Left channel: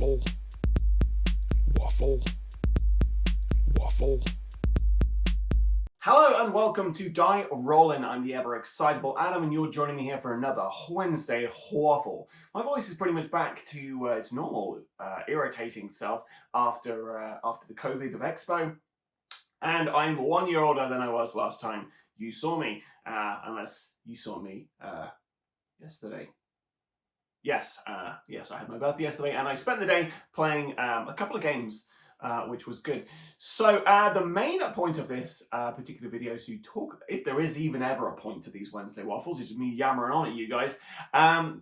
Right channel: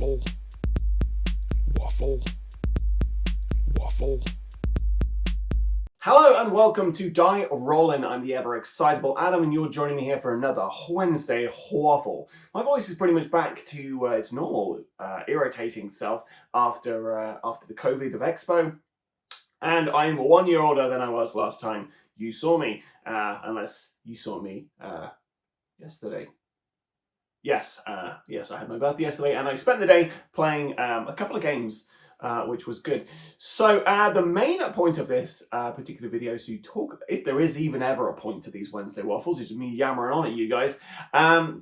Waffle, waffle, waffle. Hello and welcome to Die Rollin. I'm the ever excitable Adam, and you're joining me here for another Wednesday Waffle. My voice is pretty much back to its normal, irritating self after the COVID of Expo, and I'm 1 year older than I was last time you saw me, unless you saw me yesterday. Yes, I had my birthday yesterday, and I spent the day playing a couple of games, which was good. So the main point of this particular video is to talk, if there is even ever a point to these Wednesday Waffles, is me yammering on at you guys. The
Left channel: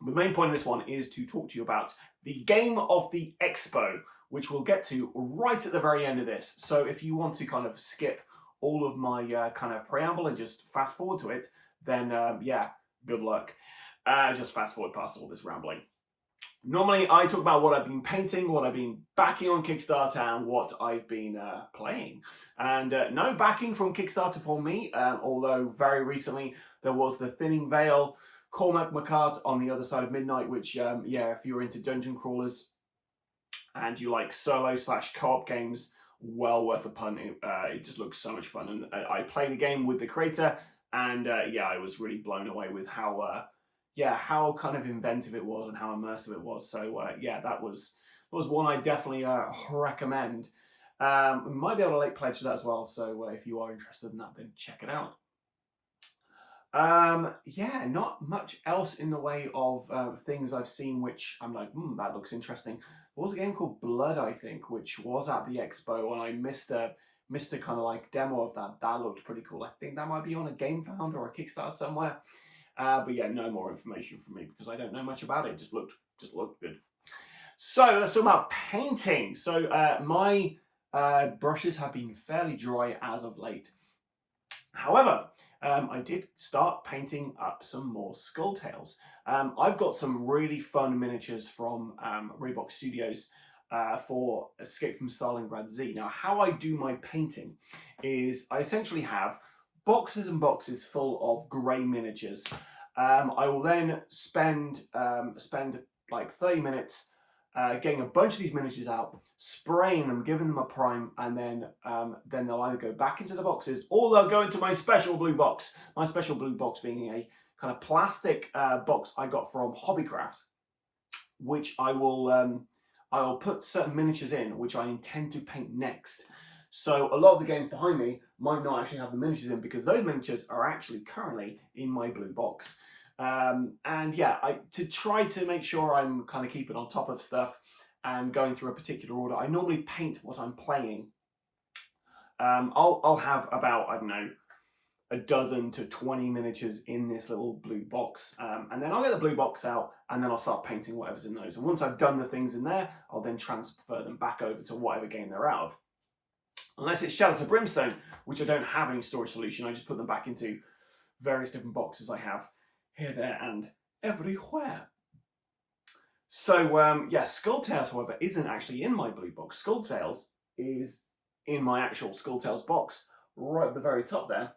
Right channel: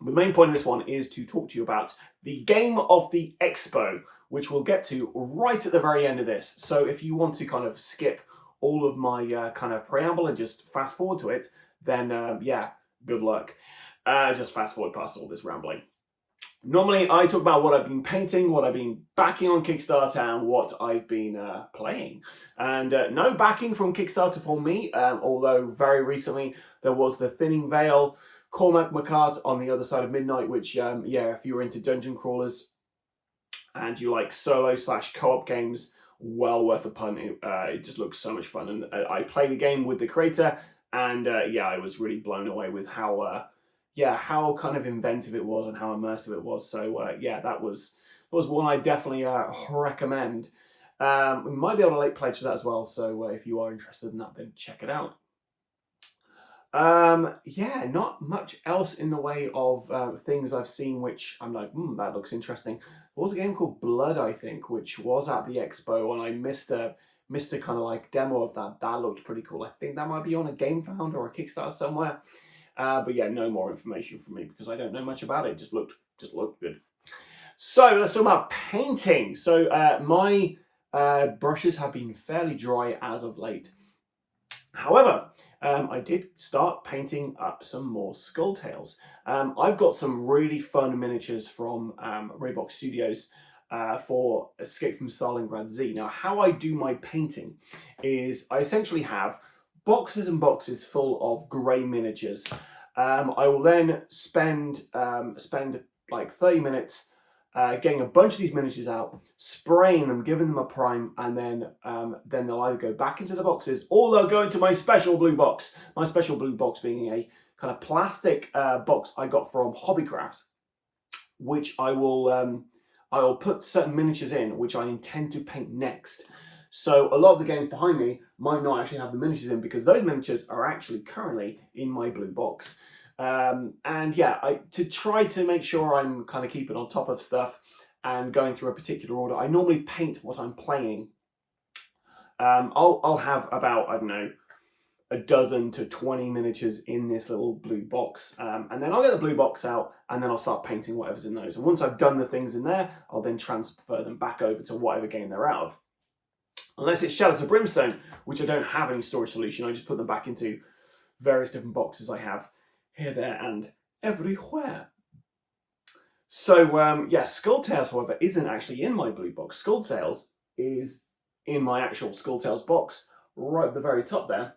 main point of this one is to talk to you about the game of the Expo, which we'll get to right at the very end of this. So if you want to kind of skip all of my kind of preamble and just fast forward to it, then yeah, good luck. Just fast forward past all this rambling. Normally, I talk about what I've been painting, what I've been backing on Kickstarter, and what I've been playing. And no backing from Kickstarter for me, although very recently there was the Thinning Vale, Cormac McCart on the Other Side of Midnight, which, yeah, if you're into dungeon crawlers and you like solo/co-op games, well worth a punt. It just looks so much fun. And I played the game with the creator, and yeah, I was really blown away with how kind of inventive it was and how immersive it was. So yeah, that was one I definitely recommend. We might be able to late pledge that as well. So if you are interested in that, then check it out. Yeah, not much else in the way of things I've seen which I'm like, that looks interesting. There was a game called Blood, I think, which was at the Expo, and I missed a kind of like demo of that. That looked pretty cool. I think that might be on a GameFound or a Kickstarter somewhere. But yeah, no more information from me because I don't know much about it. It just looked good. So let's talk about painting. So my brushes have been fairly dry as of late. However, I did start painting up some more Skull Tales. I've got some really fun miniatures from Raybox Studios for Escape from Stalingrad Z. Now, how I do my painting is I essentially have boxes and boxes full of grey miniatures. I will then spend like 30 minutes getting a bunch of these miniatures out, spraying them, giving them a prime, and then they'll either go back into the boxes or they'll go into my special blue box. My special blue box being a kind of plastic box I got from Hobbycraft, which I will put certain miniatures in, which I intend to paint next. So a lot of the games behind me might not actually have the miniatures in because those miniatures are actually currently in my blue box. And yeah, to try to make sure I'm kind of keeping on top of stuff and going through a particular order, I normally paint what I'm playing. I'll have about, I don't know, a dozen to 20 miniatures in this little blue box. And then I'll get the blue box out and then I'll start painting whatever's in those. And once I've done the things in there, I'll then transfer them back over to whatever game they're out of. Unless it's Shadows of Brimstone, which I don't have any storage solution. I just put them back into various different boxes I have here, there, and everywhere. So, yeah, Skull Tales, however, isn't actually in my blue box. Skull Tales is in my actual Skull Tales box, right at the very top there,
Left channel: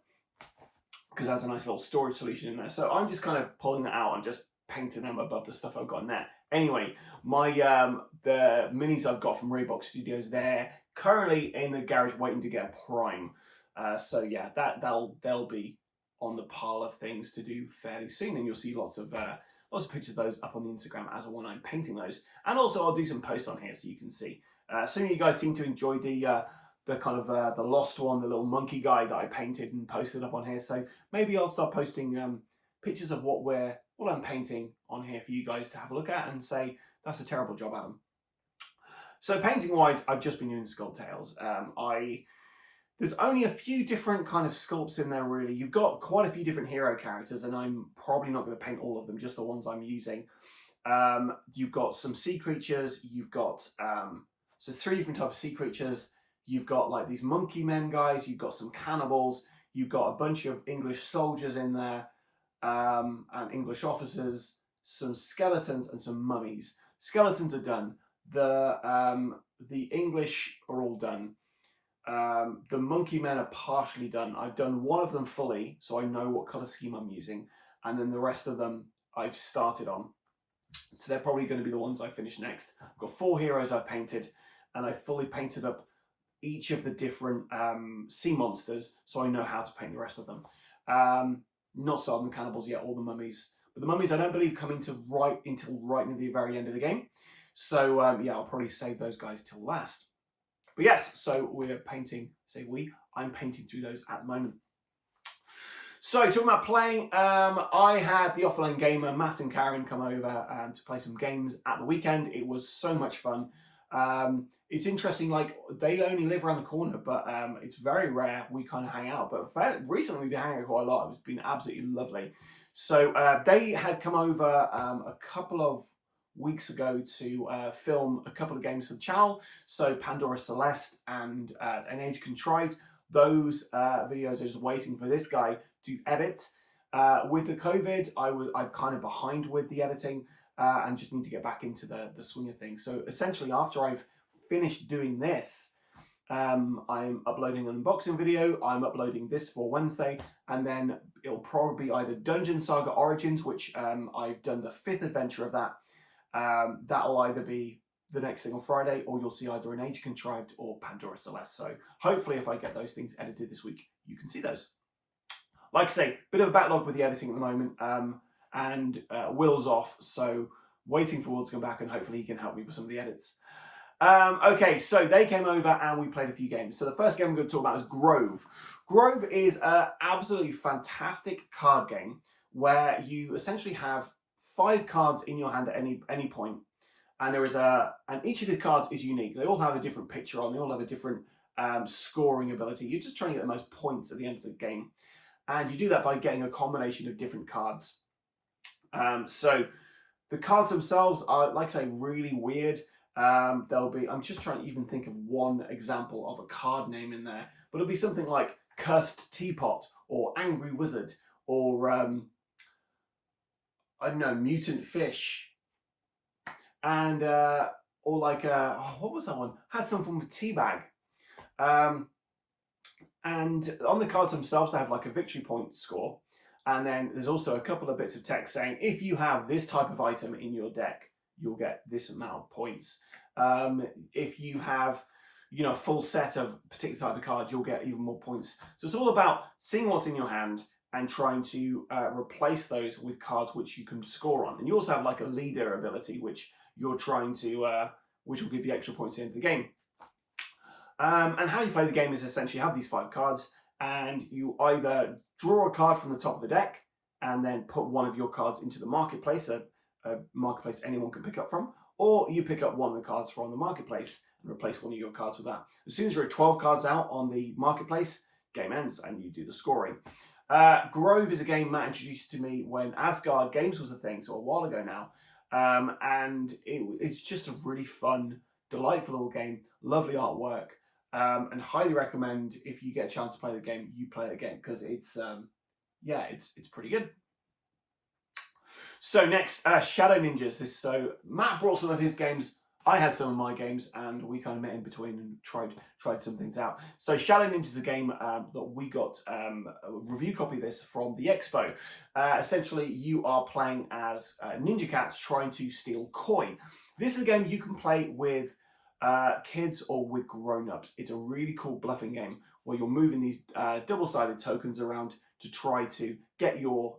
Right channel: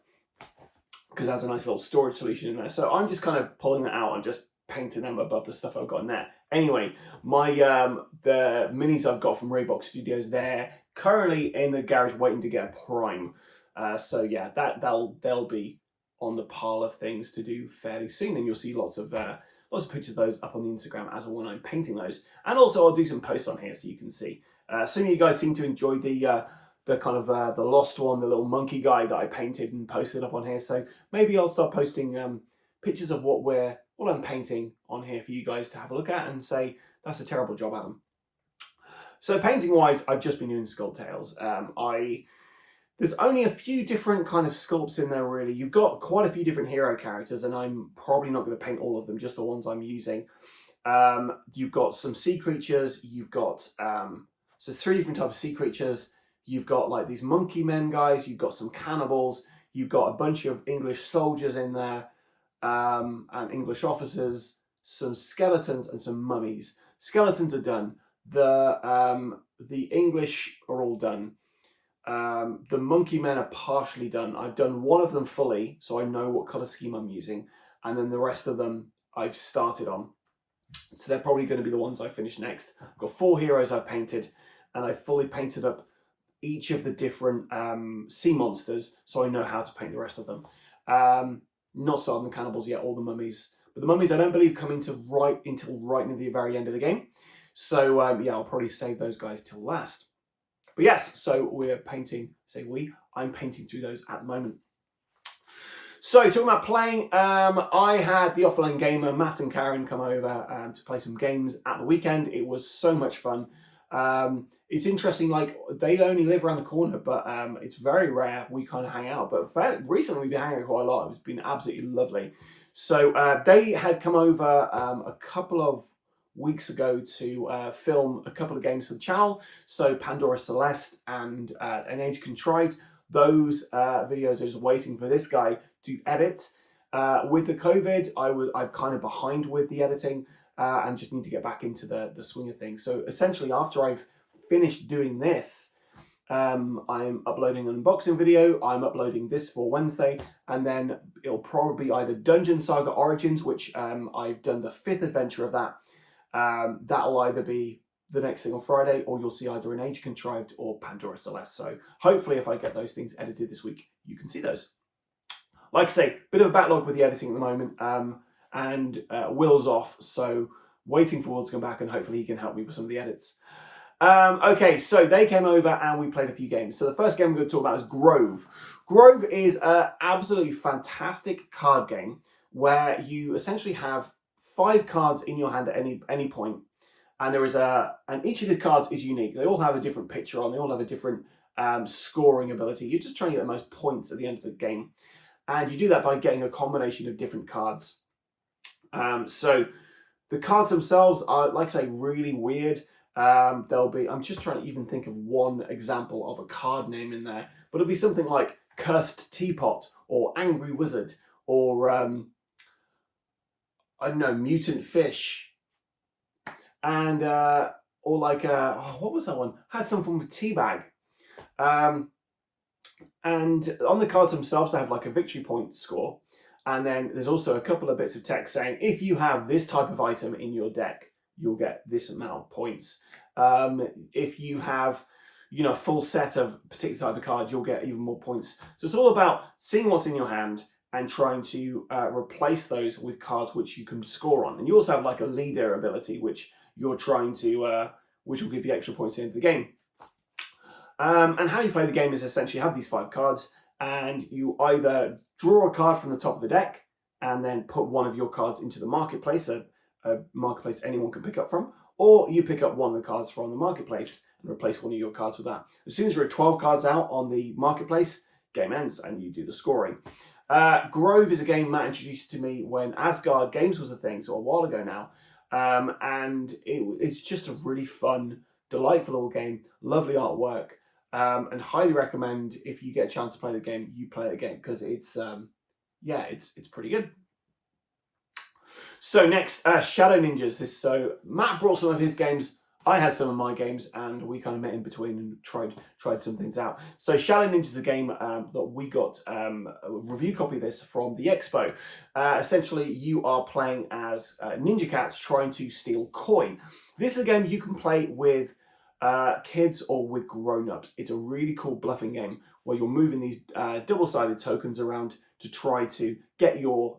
because it has a nice little storage solution in there. So I'm just kind of pulling that out and just painting them above the stuff I've got in there. Anyway, my the minis I've got from Raybox Studios, they're currently in the garage waiting to get a prime. So yeah, they'll be on the pile of things to do fairly soon, and you'll see lots of pictures of those up on the Instagram as and when I'm painting those. And also I'll do some posts on here so you can see. Some of you guys seem to enjoy the kind of the lost one, the little monkey guy that I painted and posted up on here. So maybe I'll start posting pictures of what I'm painting on here for you guys to have a look at and say, that's a terrible job, Adam. So painting wise, I've just been doing Skull Tales. There's only a few different kind of sculpts in there, really. You've got quite a few different hero characters, and I'm probably not going to paint all of them, just the ones I'm using. You've got some sea creatures. You've got, so 3 different types of sea creatures. You've got like these monkey men guys. You've got some cannibals. You've got a bunch of English soldiers in there, and English officers, some skeletons and some mummies. Skeletons are done. The English are all done. The monkey men are partially done. I've done one of them fully, so I know what color scheme I'm using, and then the rest of them I've started on. So they're probably going to be the ones I finish next. I've got 4 heroes I've painted, and I fully painted up each of the different sea monsters, so I know how to paint the rest of them. Not starting the cannibals yet, or the mummies. But the mummies I don't believe come until right near the very end of the game. So yeah, I'll probably save those guys till last. But yes, so we're painting, I'm painting through those at the moment. So talking about playing, I had the offline gamer Matt and Karen come over to play some games at the weekend. It was so much fun. It's interesting, like they only live around the corner, but it's very rare we kind of hang out. But recently we've been hanging out quite a lot. It's been absolutely lovely. So they had come over a couple of weeks ago to film a couple of games for the channel. So Pandora Celeste and An Age Contrived. Those videos are just waiting for this guy to edit. With the COVID, I've kind of behind with the editing and just need to get back into the swing of things. So essentially, after I've finished doing this, I'm uploading an unboxing video. I'm uploading this for Wednesday, and then it'll probably be either Dungeon Saga Origins, which I've done the 5th adventure of that. That'll either be the next thing on Friday, or you'll see either An Age Contrived or Pandora Celeste. So hopefully if I get those things edited this week, you can see those. Like I say, bit of a backlog with the editing at the moment, and Will's off, so waiting for Will to come back, and hopefully he can help me with some of the edits. Okay, so they came over and we played a few games. So the first game we're going to talk about is Grove. Grove is an absolutely fantastic card game where you essentially have 5 cards in your hand at any point. And there is and each of the cards is unique. They all have a different picture on. They all have a different scoring ability. You're just trying to get the most points at the end of the game, and you do that by getting a combination of different cards. So the cards themselves are, like I say, really weird. I'm just trying to even think of one example of a card name in there, but it'll be something like Cursed Teapot or Angry Wizard or I don't know, Mutant Fish. And or like what was that one? Had some form of teabag. And on the cards themselves, they have like a victory point score, and then there's also a couple of bits of text saying if you have this type of item in your deck, you'll get this amount of points. If you have, a full set of a particular type of cards, you'll get even more points. So it's all about seeing what's in your hand and trying to replace those with cards which you can score on. And you also have like a leader ability, which you're trying to, which will give you extra points at the end of the game. And how you play the game is essentially you have these 5 cards, and you either draw a card from the top of the deck and then put one of your cards into the marketplace, a marketplace anyone can pick up from, or you pick up one of the cards from the marketplace and replace one of your cards with that. As soon as you're at 12 cards out on the marketplace, game ends and you do the scoring. Grove is a game Matt introduced to me when Asgard Games was a thing, so a while ago now. And it's just a really fun, delightful little game, lovely artwork, and highly recommend if you get a chance to play the game, you play the game, because it's pretty good. So next, Shadow Ninjas. So Matt brought some of his games, I had some of my games, and we kind of met in between and tried some things out. So Shadow Ninjas is a game that we got a review copy of this from the expo. Essentially, you are playing as ninja cats trying to steal koi. This is a game you can play with kids or with grown-ups. It's a really cool bluffing game where you're moving these double-sided tokens around to try to get your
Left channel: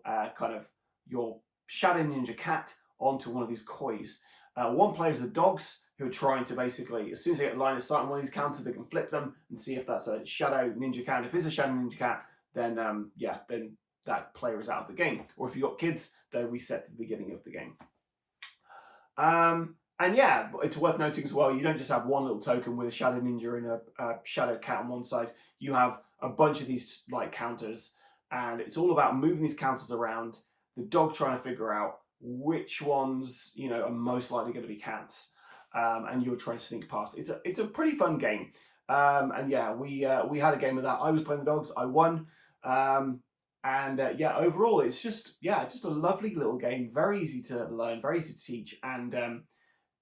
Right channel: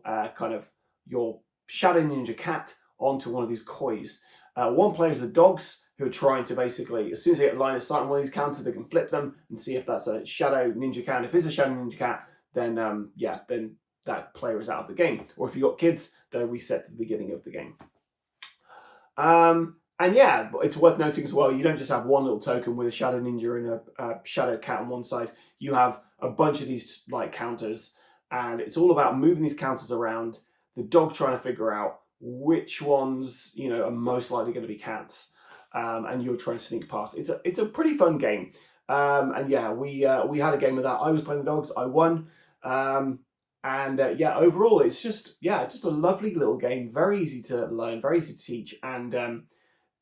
your Shadow Ninja cat onto one of these kois. One player is the dogs, who are trying to basically, as soon as they get line of sight on one of these counters, they can flip them and see if that's a Shadow Ninja cat. If it's a Shadow Ninja cat, then then that player is out of the game. Or if you've got kids, they're reset to the beginning of the game. And yeah, it's worth noting as well, you don't just have one little token with a Shadow Ninja and a Shadow Cat on one side. You have a bunch of these like counters, and it's all about moving these counters around, the dog trying to figure out which ones are most likely going to be cats, and you're trying to sneak past. It's a pretty fun game, and yeah, we had a game of that. I was playing the dogs, I won, and yeah, overall it's just a lovely little game, very easy to learn, very easy to teach, and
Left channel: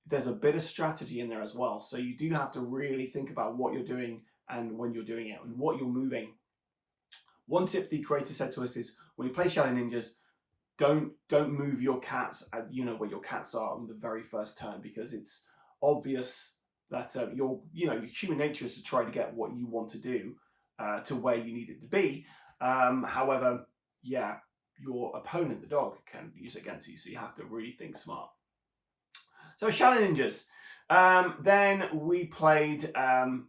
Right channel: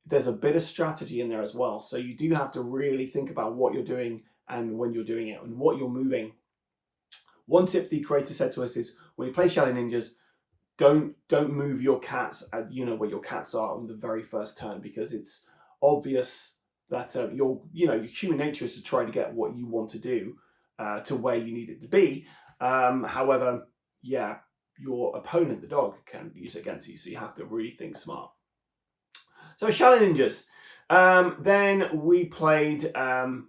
there's a bit of strategy in there as well. So you do have to really think about what you're doing and when you're doing it and what you're moving. One tip the creator said to us is when you play Shadow Ninjas, don't move your cats at, you know, where your cats are on the very first turn, because it's obvious that your human nature is to try to get what you want to do to where you need it to be. However, yeah, your opponent, the dog, can use it against you, so you have to really think smart. So Shadow Ninjas. Then we played an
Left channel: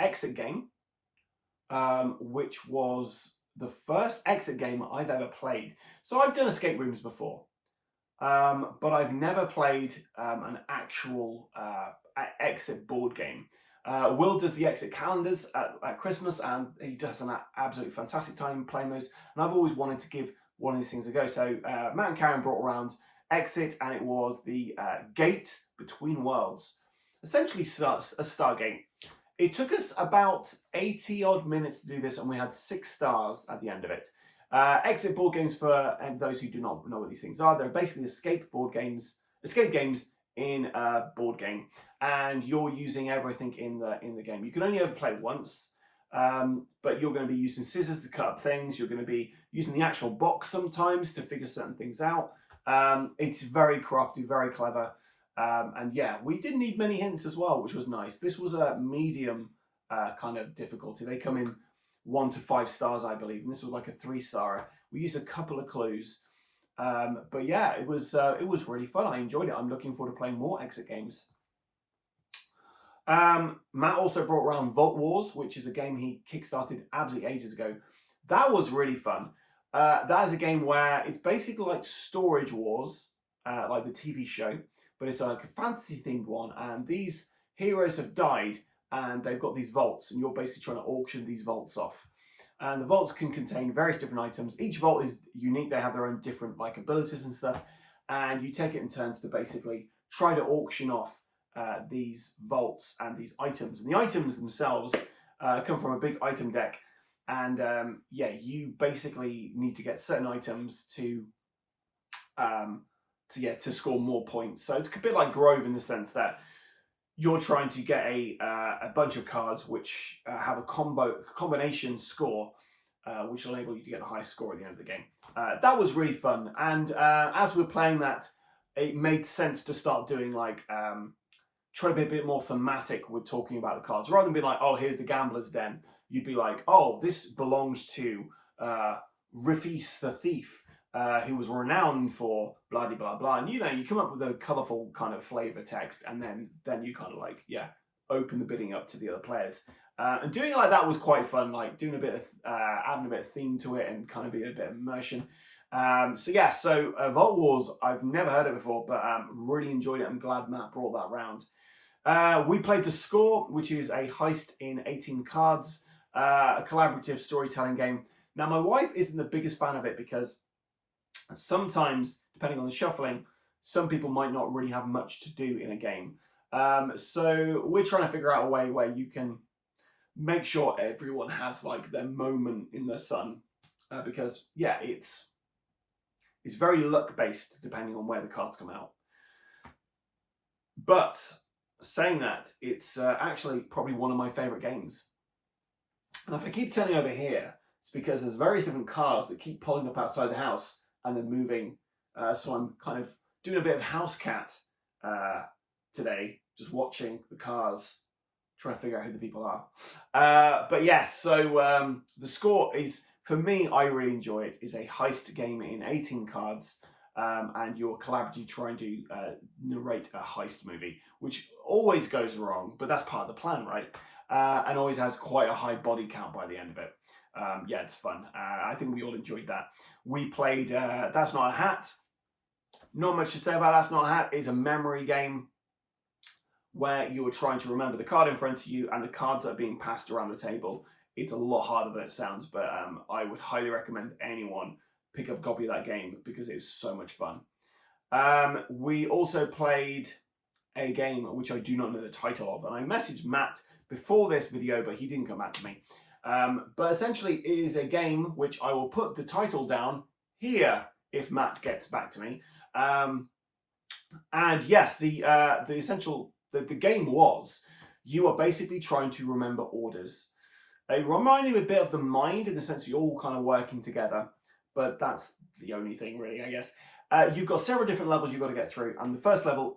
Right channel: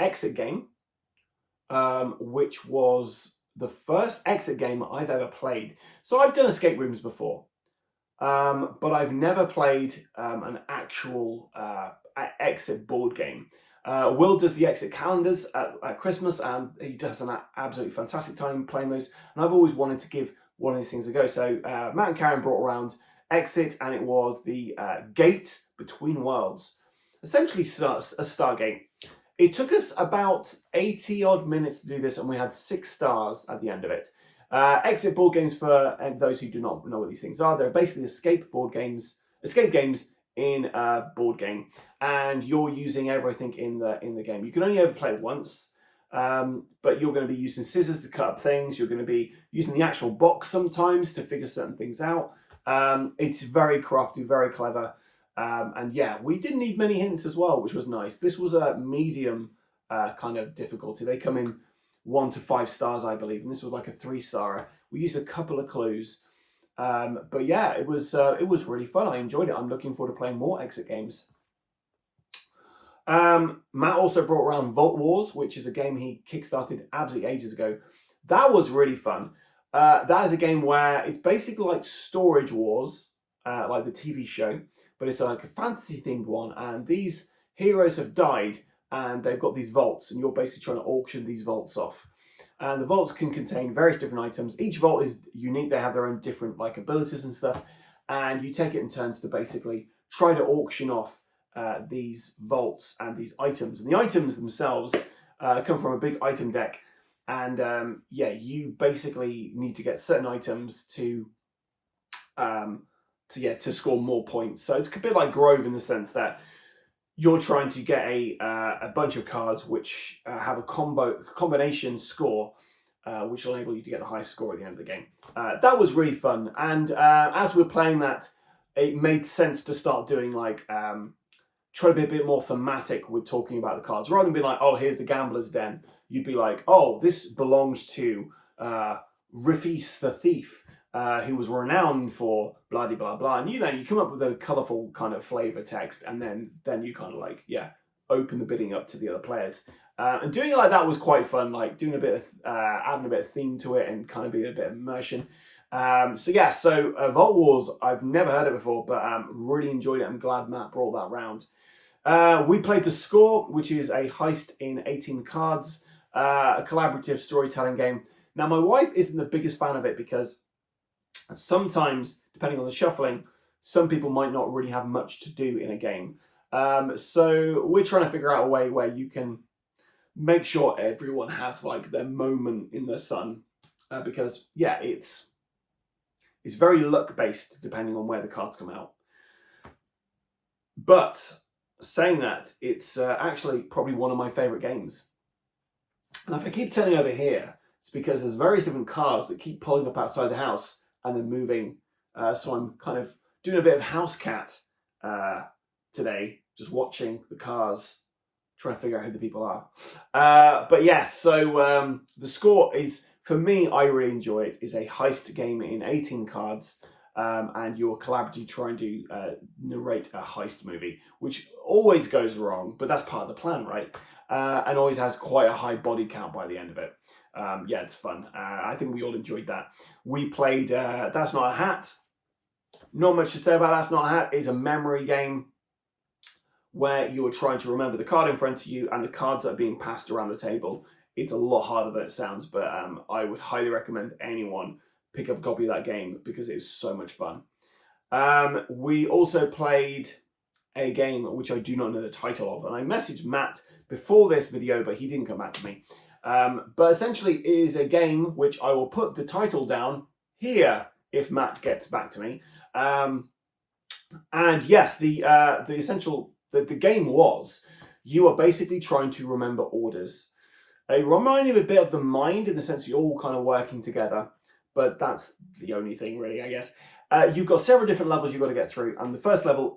exit game, which was the first exit game I've ever played. So I've done escape rooms before, but I've never played an actual exit board game. Will does the exit calendars at Christmas, and he does an absolutely fantastic time playing those. And I've always wanted to give one of these things a go. So Matt and Karen brought around Exit, and it was the Gate Between Worlds, essentially a Stargate. It took us about 80 odd minutes to do this, and we had 6 stars at the end of it. Exit board games, for those who do not know what these things are, they're basically escape games in a board game, and you're using everything in the game. You can only ever play it once, but you're going to be using scissors to cut up things. You're going to be using the actual box sometimes to figure certain things out. It's very crafty, very clever. And yeah, we didn't need many hints as well, which was nice. This was a medium kind of difficulty. They come in 1 to 5 stars, I believe, and this was like a 3-star. We used a couple of clues, but yeah, it was really fun. I enjoyed it. I'm looking forward to playing more exit games. Matt also brought around Vault Wars, which is a game he kickstarted absolutely ages ago. That was really fun. That is a game where it's basically like Storage Wars, like the TV show, but it's like a fantasy themed one, and these heroes have died and they've got these vaults, and you're basically trying to auction these vaults off. And the vaults can contain various different items. Each vault is unique. They have their own different like abilities and stuff, and you take it in turns to basically try to auction off these vaults and these items. And the items themselves come from a big item deck, and yeah, you basically need to get certain items to score more points. So it's a bit like Grove in the sense that you're trying to get a bunch of cards which have a combination score, which will enable you to get the highest score at the end of the game. That was really fun, and as we're playing that, it made sense to start doing like try to be a bit more thematic with talking about the cards, rather than being like, oh, here's the gambler's den. You'd be like, oh, this belongs to Rifis the thief, who was renowned for blah blah blah, and you come up with a colourful kind of flavour text, and then you kind of like open the bidding up to the other players, and doing it like that was quite fun, like doing a bit of adding a bit of theme to it and kind of being a bit of immersion. So Vault Wars, I've never heard it before, but really enjoyed it. I'm glad Matt brought that round. We played The Score, which is a heist in 18 cards, a collaborative storytelling game. Now, my wife isn't the biggest fan of it because sometimes, depending on the shuffling, some people might not really have much to do in a game. So we're trying to figure out a way where you can make sure everyone has like their moment in the sun, because yeah, it's very luck based depending on where the cards come out. But saying that, it's actually probably one of my favorite games. And if I keep turning over here, it's because there's various different cars that keep pulling up outside the house and then moving. So I'm kind of doing a bit of house cat today, just watching the cars, trying to figure out who the people are. But yes, so The Score is, for me, I really enjoy it. It's a heist game in 18 cards, and you're collaboratively trying to narrate a heist movie, which always goes wrong, but that's part of the plan, right? And always has quite a high body count by the end of it. Yeah, it's fun. I think we all enjoyed that. We played That's Not a Hat. Not much to say about That's Not a Hat. It's a memory game where you're trying to remember the card in front of you and the cards that are being passed around the table. It's a lot harder than it sounds, but I would highly recommend anyone pick up a copy of that game because it is so much fun. We also played a game which I do not know the title of, and I messaged Matt before this video, but he didn't come back to me. But essentially it is a game which I will put the title down here if Matt gets back to me. And yes, the game was, you are basically trying to remember orders. It reminded me a bit of The Mind in the sense you're all kind of working together, but that's the only thing really, I guess. You've got several different levels you've got to get through, and the first level,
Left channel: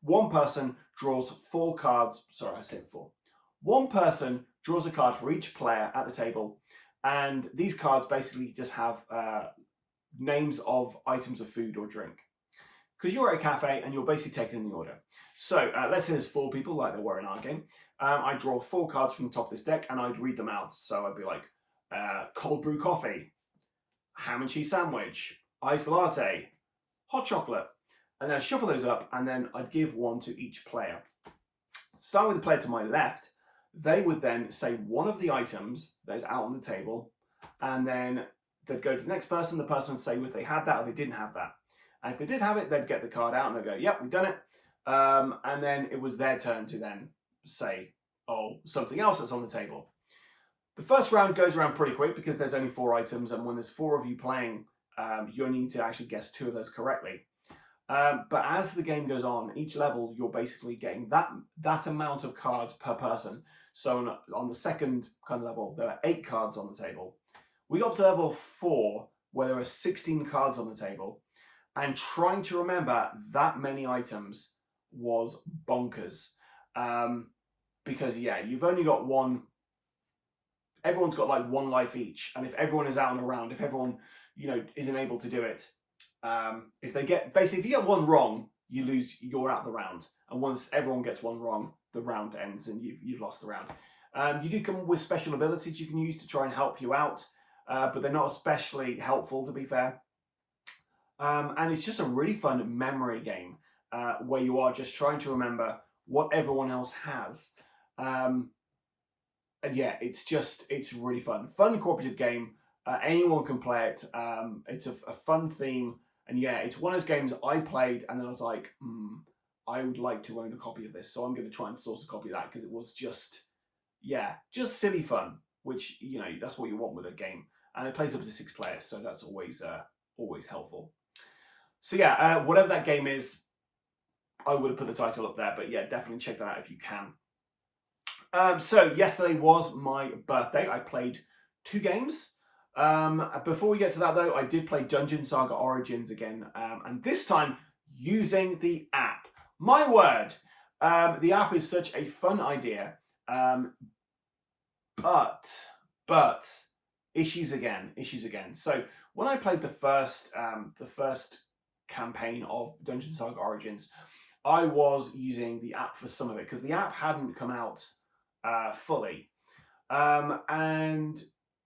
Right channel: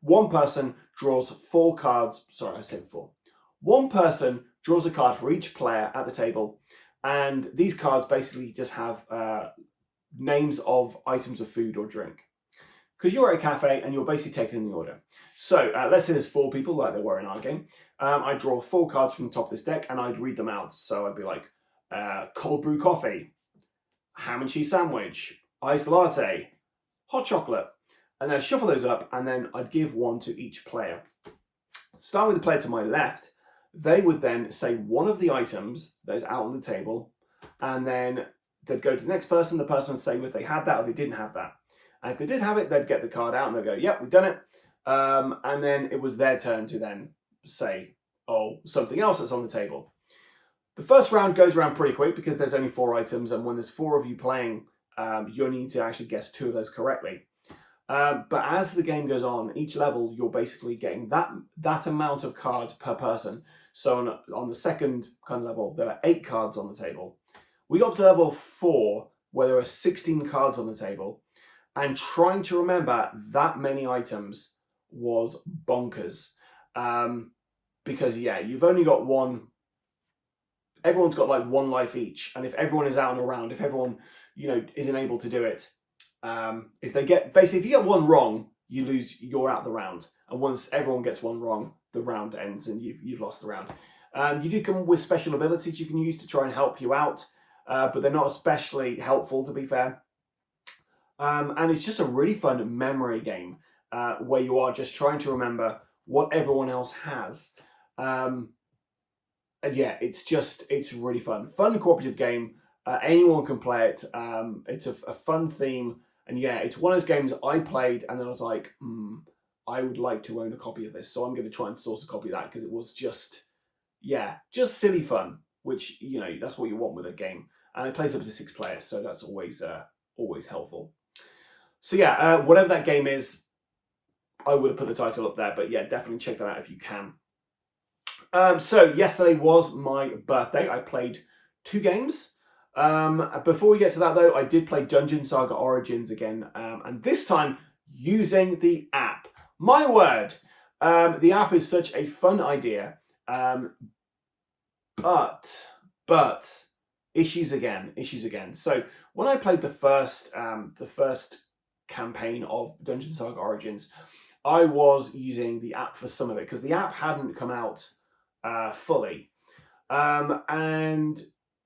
one person draws 4 cards. Sorry, I said 4. One person draws a card for each player at the table, and these cards basically just have names of items of food or drink. Because you're at a cafe and you're basically taking the order. So let's say there's 4 people, like there were in our game. I'd draw 4 cards from the top of this deck and I'd read them out. So I'd be like, cold brew coffee, ham and cheese sandwich, iced latte, hot chocolate. And then I'd shuffle those up and then I'd give one to each player. Starting with the player to my left, they would then say one of the items that is out on the table, and then they'd go to the next person. The person would say if they had that or they didn't have that. And if they did have it, they'd get the card out and they'd go, yep, we've done it. And then it was their turn to then say, oh, something else that's on the table. The first round goes around pretty quick because there's only 4 items. And when there's 4 of you playing, you only need to actually guess 2 of those correctly. But as the game goes on, each level, you're basically getting that amount of cards per person. So on the second kind of level, there are 8 cards on the table. We got to level 4, where there are 16 cards on the table. And trying to remember that many items was bonkers. Because, yeah, you've only got one. Everyone's got like 1 life each. And if everyone is out and around, if everyone, isn't able to do it, if you get 1 wrong, you lose, you're out the round. And once everyone gets 1 wrong, the round ends and you've lost the round. You do come with special abilities you can use to try and help you out. But they're not especially helpful, to be fair. And it's just a really fun memory game where you are just trying to remember what everyone else has. And yeah, it's really fun. Fun cooperative game. Anyone can play it. It's a fun theme. And yeah, it's one of those games I played and then I was like, I would like to own a copy of this. So I'm going to try and source a copy of that because it was just silly fun, which, that's what you want with a game. And it plays up to 6 players. So that's always helpful. So yeah, whatever that game is, I would have put the title up there, but yeah, definitely check that out if you can. So yesterday was my birthday. I played 2 games. Before we get to that though, I did play Dungeon Saga Origins again, and this time using the app. My word, the app is such a fun idea, but issues again. So when I played the first campaign of Dungeon Saga Origins, I was using the app for some of it because the app hadn't come out fully, and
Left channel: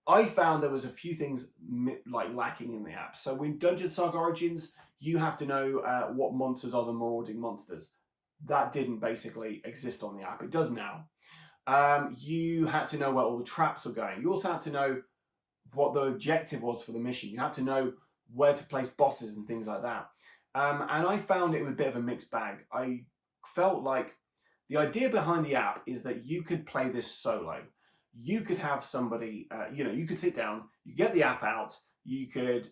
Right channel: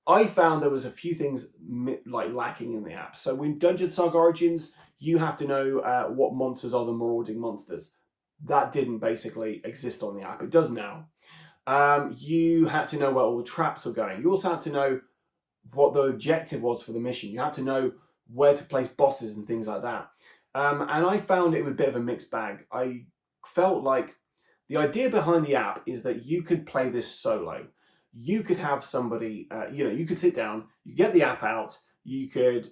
I found there was a few things lacking in the app. So when Dungeon Saga Origins, you have to know what monsters are the marauding monsters. That didn't basically exist on the app. It does now. You had to know where all the traps were going. You also had to know what the objective was for the mission. You had to know where to place bosses and things like that. And I found it was a bit of a mixed bag. I felt like the idea behind the app is that you could play this solo. You could have somebody, you could sit down, you get the app out, you could,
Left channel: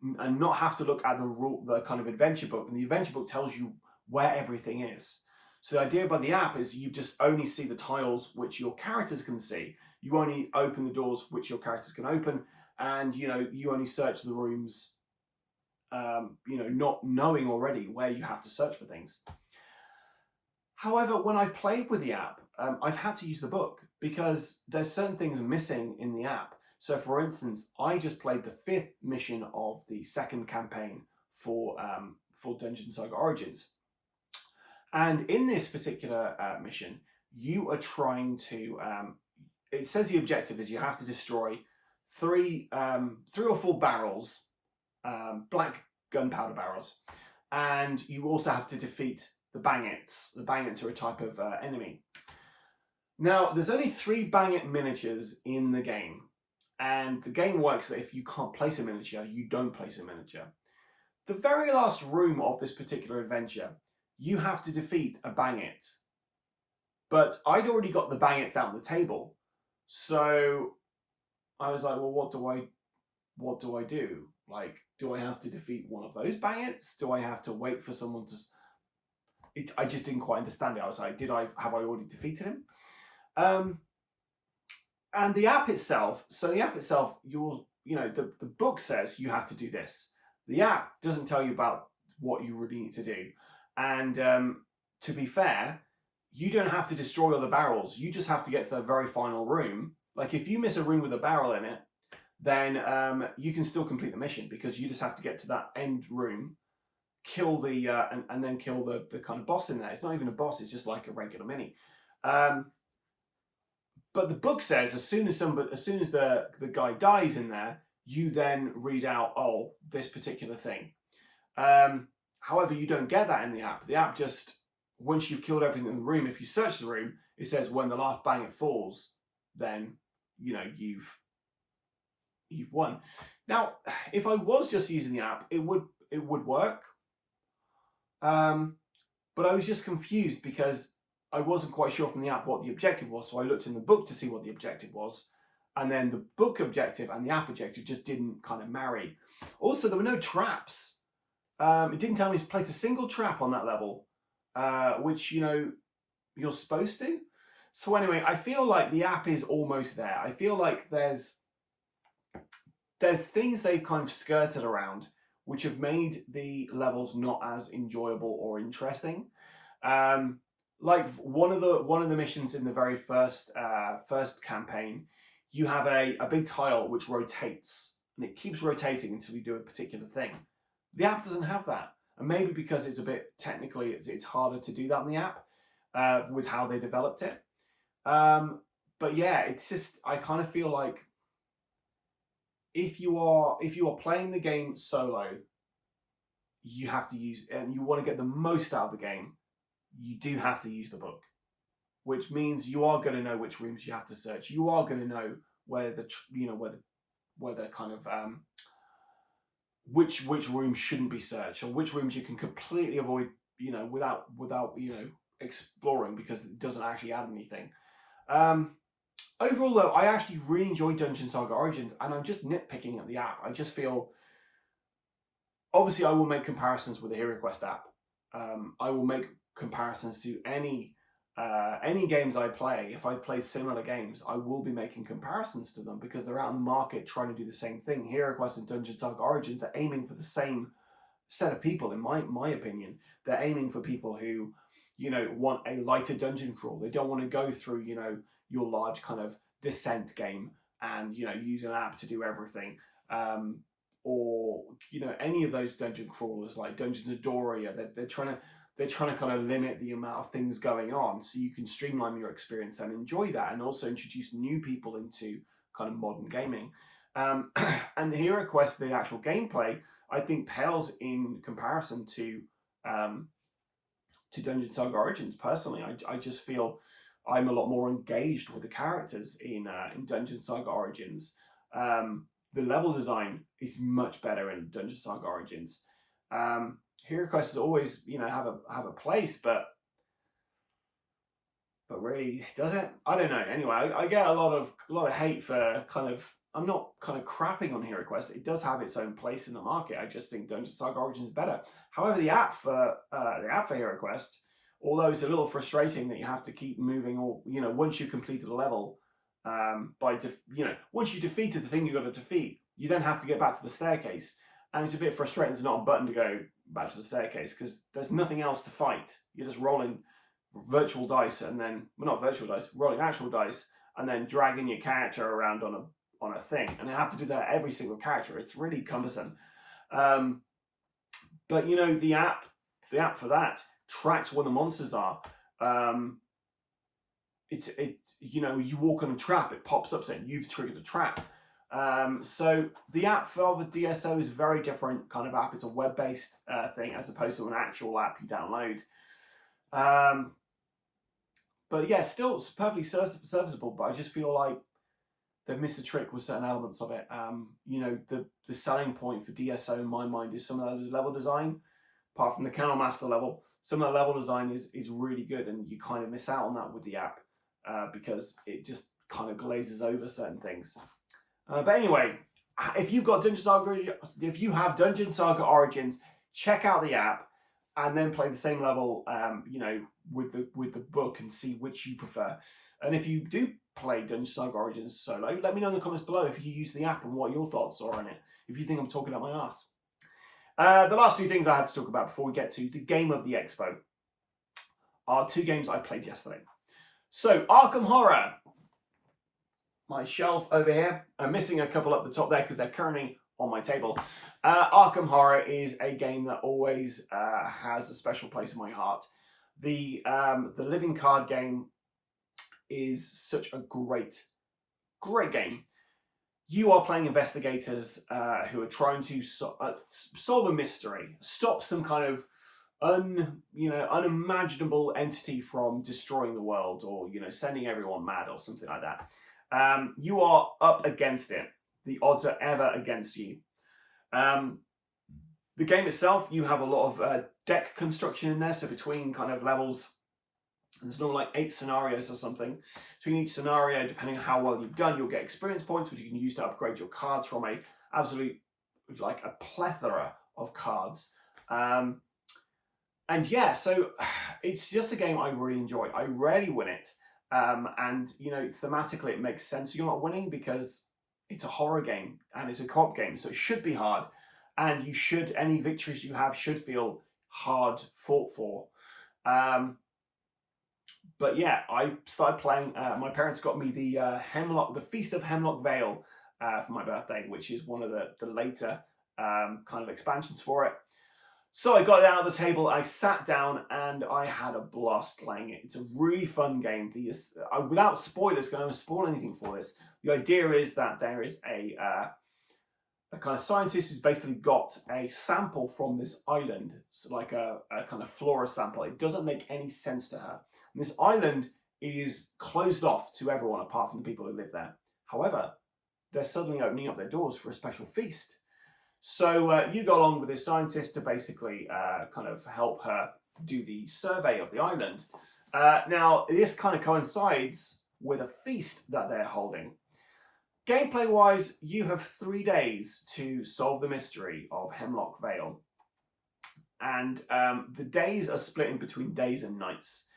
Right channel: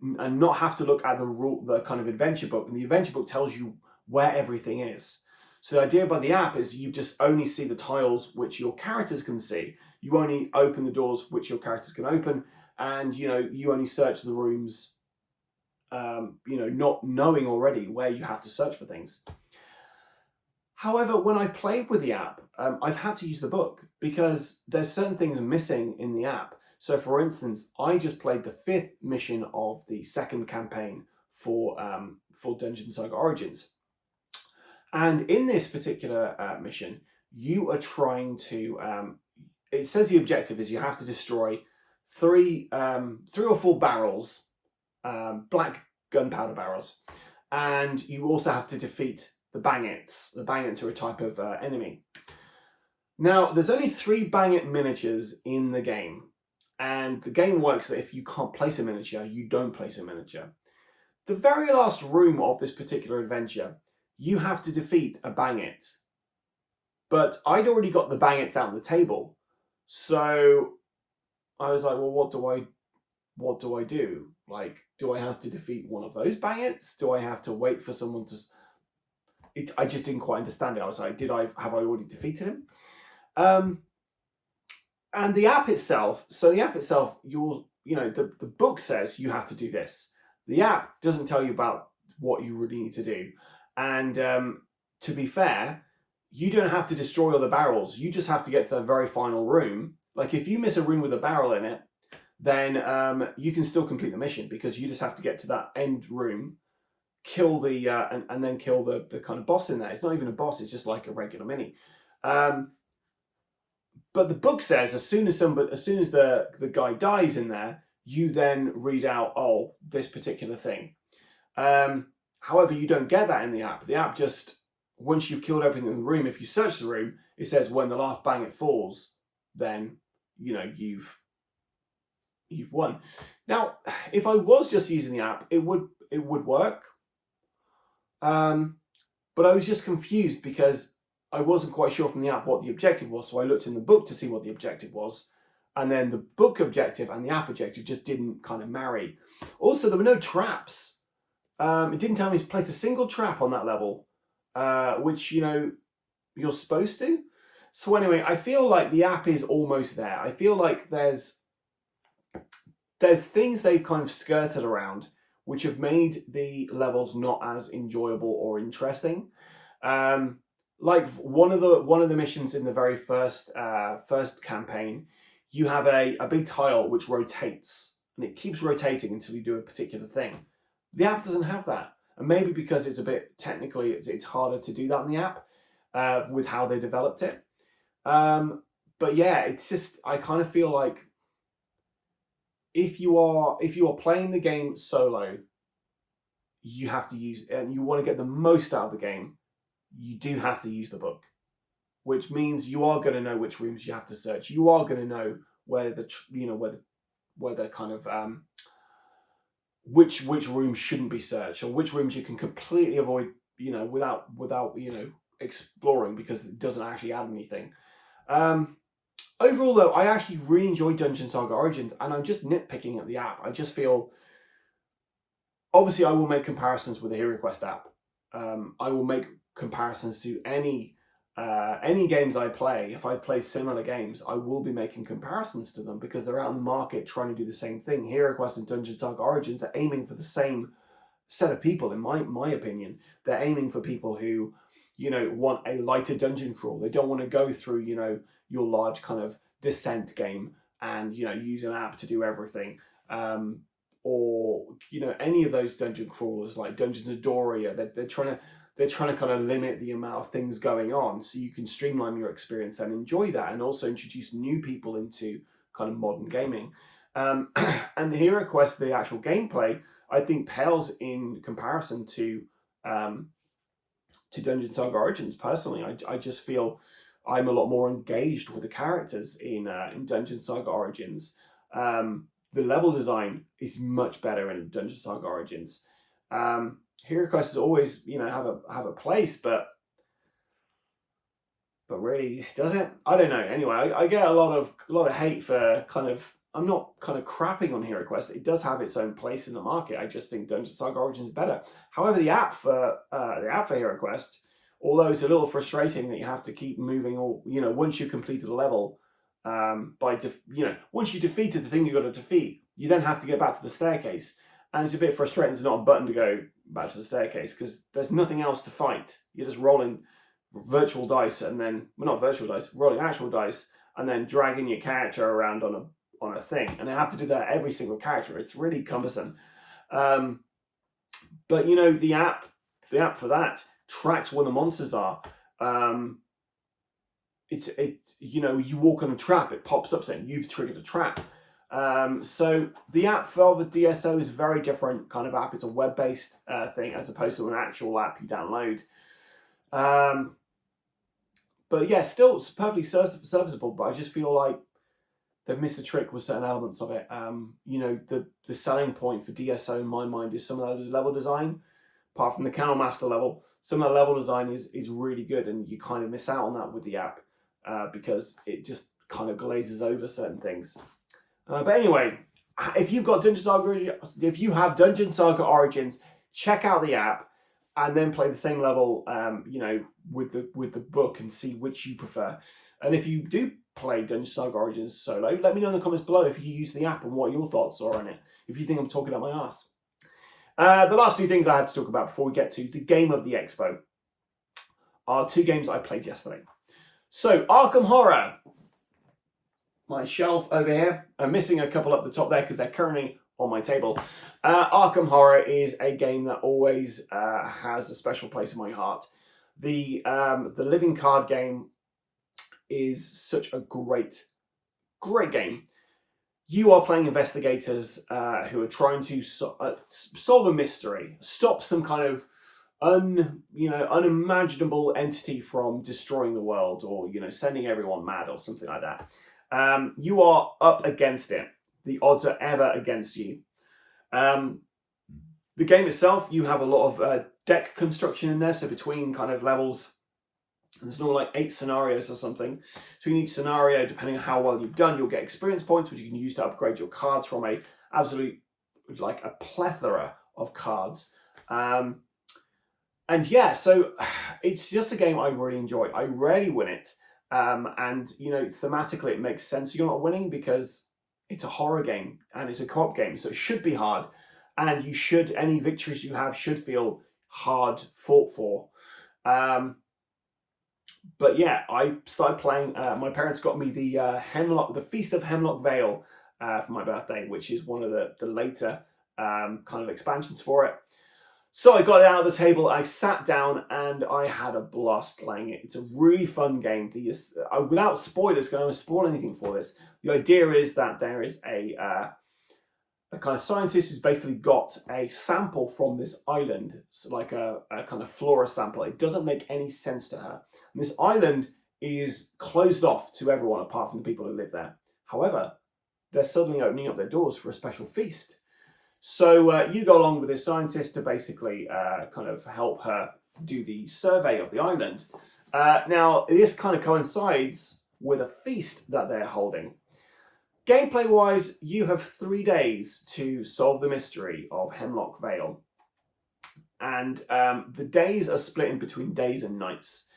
and not have to look at the kind of adventure book. And the adventure book tells you where everything is. So the idea by the app is you just only see the tiles which your characters can see. You only open the doors which your characters can open, and you only search the rooms, not knowing already where you have to search for things. However, when I've played with the app, I've had to use the book because there's certain things missing in the app. So, for instance, I just played the 5th mission of the 2nd campaign for Dungeon Saga Origins. And in this particular mission, you are trying to, it says the objective is you have to destroy 3 or 4 barrels, black gunpowder barrels. And you also have to defeat the Bangets. The Bangets are a type of enemy. Now, there's only 3 Banget miniatures in the game. And the game works that if you can't place a miniature, you don't place a miniature. The very last room of this particular adventure, you have to defeat a Banget. But I'd already got the Bangets out on the table. So I was like, well, what do I do? Like, do I have to defeat one of those Bangets? Do I have to wait for someone to... I just didn't quite understand it. I was like, have I already defeated him? And the app itself, you're the book says you have to do this. The app doesn't tell you about what you really need to do. And to be fair, you don't have to destroy all the barrels. You just have to get to the very final room. Like if you miss a room with a barrel in it, then you can still complete the mission because you just have to get to that end room, kill the and then kill the kind of boss in there. It's not even a boss; it's just like a regular mini. But the book says as soon as the guy dies in there, you then read out this particular thing. However, you don't get that in the app. The app just, once you've killed everything in the room, if you search the room, it says when the last bang it falls, then you've won. Now, if I was just using the app, it would work. But I was just confused because I wasn't quite sure from the app what the objective was. So I looked in the book to see what the objective was. And then the book objective and the app objective just didn't kind of marry. Also, there were no traps. It didn't tell me to place a single trap on that level, which, you're supposed to. So anyway, I feel like the app is almost there. I feel like there's things they've kind of skirted around, which have made the levels not as enjoyable or interesting. Like one of the missions in the very first campaign, you have a big tile which rotates, and it keeps rotating until you do a particular thing. The app doesn't have that, and maybe because it's a bit technically, it's harder to do that in the app with how they developed it. But yeah, it's just, I kind of feel like if you are playing the game solo, you have to use, and you want to get the most out of the game, you do have to use the book, which means you are going to know which rooms you have to search. You are going to know where the kind of which rooms shouldn't be searched, or which rooms you can completely avoid, without exploring, because it doesn't actually add anything. Overall, though, I actually really enjoyed Dungeon Saga Origins, and I'm just nitpicking at the app. I just feel, obviously, I will make comparisons with the HeroQuest app. I will make comparisons to any games I play. If I've played similar games, I will be making comparisons to them because they're out in the market trying to do the same thing. HeroQuest and Dungeon Saga Origins are aiming for the same set of people, in my opinion. They're aiming for people who, want a lighter dungeon crawl. They don't want to go through, your large kind of Descent game and, use an app to do everything. Or, any of those dungeon crawlers like Dungeons of Doria. They're trying to kind of limit the amount of things going on so you can streamline your experience and enjoy that, and also introduce new people into kind of modern gaming. And HeroQuest, the actual gameplay, I think pales in comparison to Dungeon Saga Origins. Personally, I just feel I'm a lot more engaged with the characters in Dungeon Saga Origins. The level design is much better in Dungeon Saga Origins. HeroQuest is always, have a place, but really, does it? I don't know. Anyway, I get a lot of hate for I'm not kind of crapping on HeroQuest. It does have its own place in the market. I just think Dungeon Saga Origins is better. However, the app for HeroQuest, although it's a little frustrating that you have to keep moving, or once you've completed a level, once you defeated the thing you got to defeat, you then have to get back to the staircase. And it's a bit frustrating there's not a button to go back to the staircase because there's nothing else to fight. You're just rolling virtual dice and then, well, not virtual dice, rolling actual dice, and then dragging your character around on a thing. And I have to do that every single character. It's really cumbersome. But the app for that tracks where the monsters are. You walk on a trap, it pops up saying you've triggered a trap. So the app for the DSO is a very different kind of app. It's a web-based thing as opposed to an actual app you download. But yeah, still it's perfectly serviceable, but I just feel like they've missed a trick with certain elements of it. The selling point for DSO in my mind is some of the level design. Apart from the Kennel Master level, some of the level design is really good, and you kind of miss out on that with the app because it just kind of glazes over certain things. But anyway, if you have Dungeon Saga Origins, check out the app and then play the same level, with the book and see which you prefer. And if you do play Dungeon Saga Origins solo, let me know in the comments below if you use the app and what your thoughts are on it, if you think I'm talking out my ass. The last two things I have to talk about before we get to the game of the expo are two games I played yesterday. So, Arkham Horror. My shelf over here. I'm missing a couple up the top there because they're currently on my table. Arkham Horror is a game that always has a special place in my heart. The living card game is such a great game. You are playing investigators who are trying to solve a mystery, stop some kind of unimaginable entity from destroying the world, or sending everyone mad or something like that. You are up against it. The odds are ever against you. The game itself, you have a lot of deck construction in there. So between kind of levels, there's normally like 8 scenarios or something. So in each scenario, depending on how well you've done, you'll get experience points, which you can use to upgrade your cards from a plethora of cards. And yeah, so it's just a game I really enjoy. I rarely win it. And thematically it makes sense you're not winning because it's a horror game and it's a co-op game, so it should be hard, and any victories you have should feel hard fought for. But yeah, I started playing. My parents got me the Feast of Hemlock Vale for my birthday, which is one of the later kind of expansions for it. So I got it out of the table, I sat down, and I had a blast playing it. It's a really fun game. Without spoilers, going to spoil anything for this, the idea is that there is a kind of scientist who's basically got a sample from this island, so like a kind of flora sample. It doesn't make any sense to her. And this island is closed off to everyone apart from the people who live there. However, they're suddenly opening up their doors for a special feast. So you go along with this scientist to basically kind of help her do the survey of the island. Now, this kind of coincides with a feast that they're holding. Gameplay-wise, you have 3 days to solve the mystery of Hemlock Vale. And the days are split in between days and nights.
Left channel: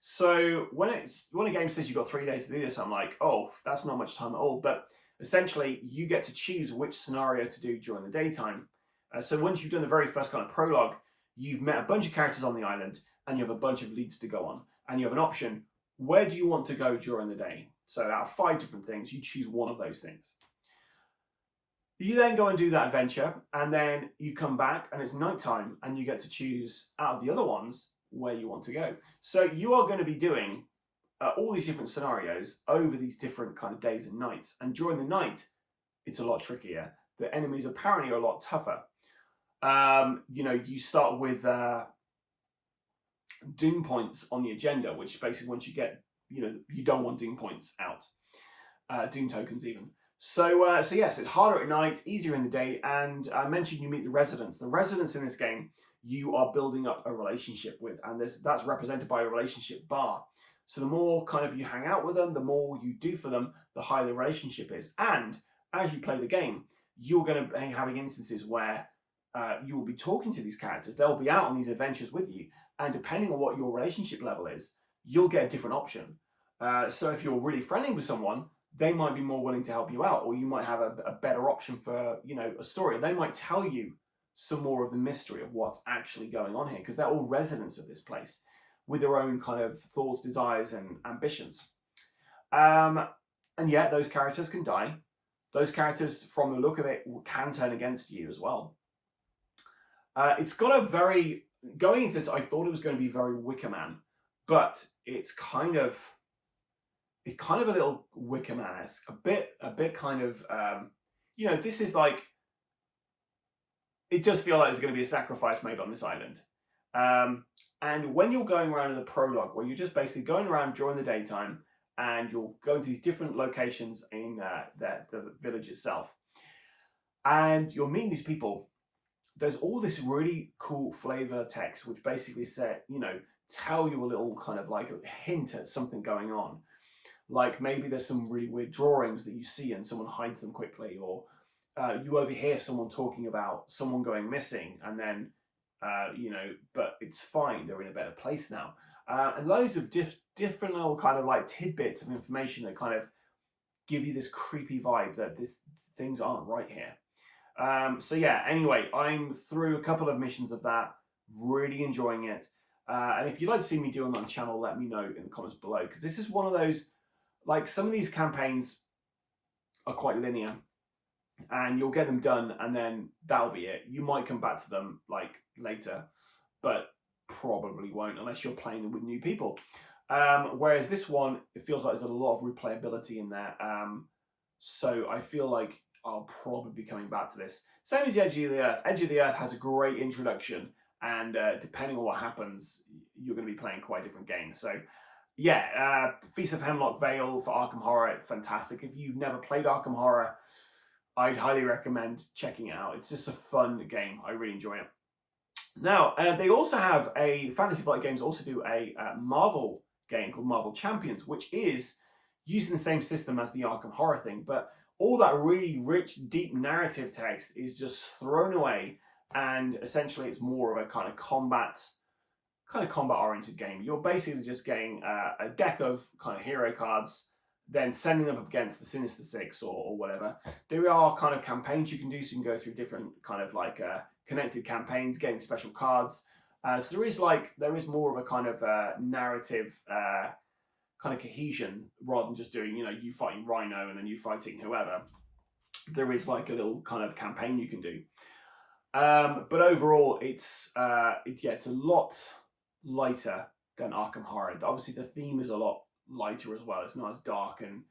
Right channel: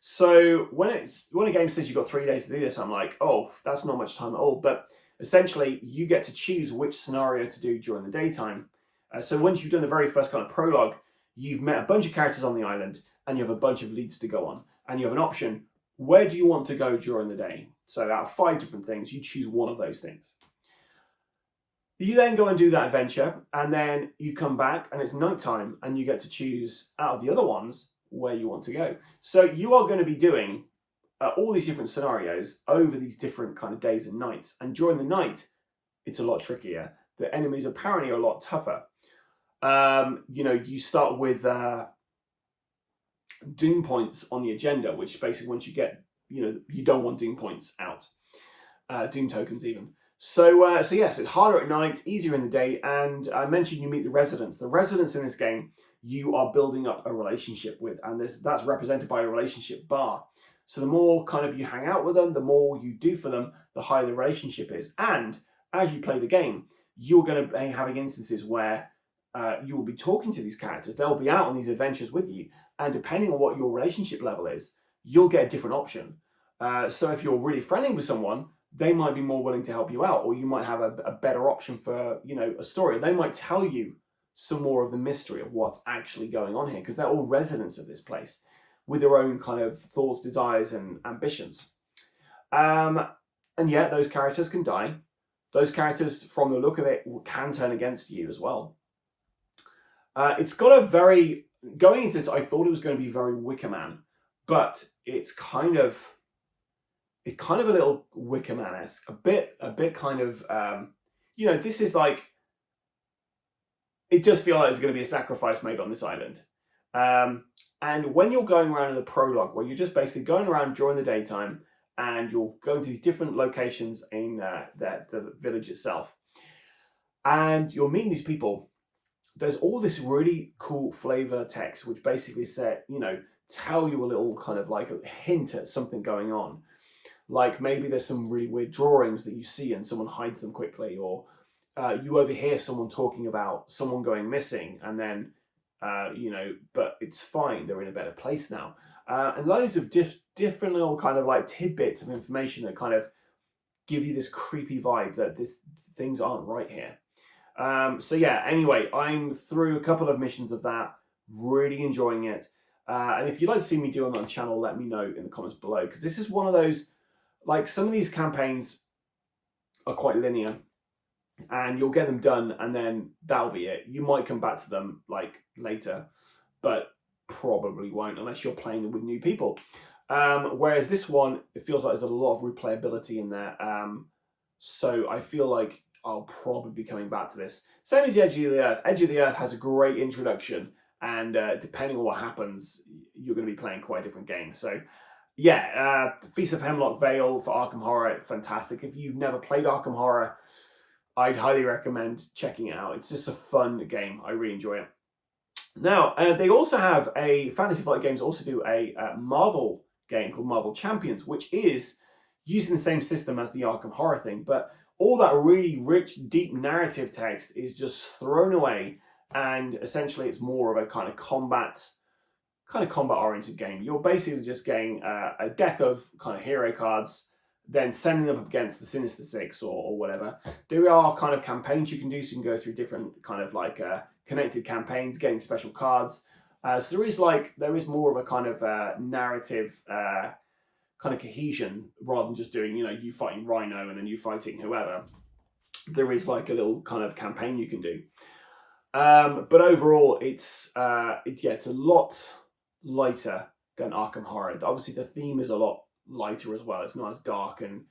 So when a game says you've got 3 days to do this, I'm like, oh, that's not much time at all. But essentially, you get to choose which scenario to do during the daytime. So once you've done the very first kind of prologue, you've met a bunch of characters on the island, and you have a bunch of leads to go on. And you have an option, where do you want to go during the day? So out of 5 different things, you choose one of those things. You then go and do that adventure, and then you come back, and it's nighttime, and you get to choose out of the other ones where you want to go. So you are going to be doing all these different scenarios over these different kind of days and nights. And during the night, it's a lot trickier. The enemies apparently are a lot tougher. You start with doom points on the agenda, which basically once you get, you don't want doom points out. Doom tokens even. So yes, it's harder at night, easier in the day. And I mentioned you meet the residents. The residents in this game, you are building up a relationship with, and that's represented by a relationship bar. So the more kind of you hang out with them, the more you do for them, the higher the relationship is. And as you play the game, you're going to be having instances where you will be talking to these characters. They'll be out on these adventures with you. And depending on what your relationship level is, you'll get a different option. So if you're really friendly with someone, they might be more willing to help you out, or you might have a better option for, a story. They might tell you some more of the mystery of what's actually going on here, because they're all residents of this place with their own kind of thoughts, desires, and ambitions. And yet those characters can die. Those characters, from the look of it, can turn against you as well. It's got going into this, I thought it was going to be very Wicker Man, but it's kind of a little Wicker Man-esque, a bit kind of, this is like, it does feel like there's going to be a sacrifice made on this island. And when you're going around in the prologue, where you're just basically going around during the daytime, and you're going to these different locations in the village itself, and you're meeting these people, there's all this really cool flavor text, which basically tell you a little kind of like a hint at something going on. Like maybe there's some really weird drawings that you see and someone hides them quickly, or you overhear someone talking about someone going missing, and then, but it's fine, they're in a better place now. and loads of different little kind of like tidbits of information that kind of give you this creepy vibe that things aren't right here. So yeah, anyway, I'm through a couple of missions of that, really enjoying it. And if you'd like to see me do it on the channel, let me know in the comments below, because this is one of those, like, some of these campaigns are quite linear and you'll get them done and then that'll be it. You might come back to them like later, but probably won't unless you're playing with new people. Whereas this one, it feels like there's a lot of replayability in there. So I feel like I'll probably be coming back to this. Same as Edge of the Earth. Edge of the Earth has a great introduction, and depending on what happens, you're going to be playing quite a different game. So yeah, Feast of Hemlock, Vale for Arkham Horror, fantastic. If you've never played Arkham Horror, I'd highly recommend checking it out. It's just a fun game. I really enjoy it. Now, they also have Fantasy Flight Games also do a Marvel game called Marvel Champions, which is using the same system as the Arkham Horror thing, but all that really rich, deep narrative text is just thrown away, and essentially it's more of a kind of combat-oriented game. You're basically just getting a deck of kind of hero cards, then sending them up against the Sinister Six or whatever. There are kind of campaigns you can do, so you can go through different kind of like connected campaigns, getting special cards. So there is more of a kind of narrative kind of cohesion rather than just doing, you fighting Rhino and then you fighting whoever. There is like a little kind of campaign you can do. But overall, it's a lot lighter than Arkham Horror. Obviously, the theme is a lot lighter as well. It's not as dark, and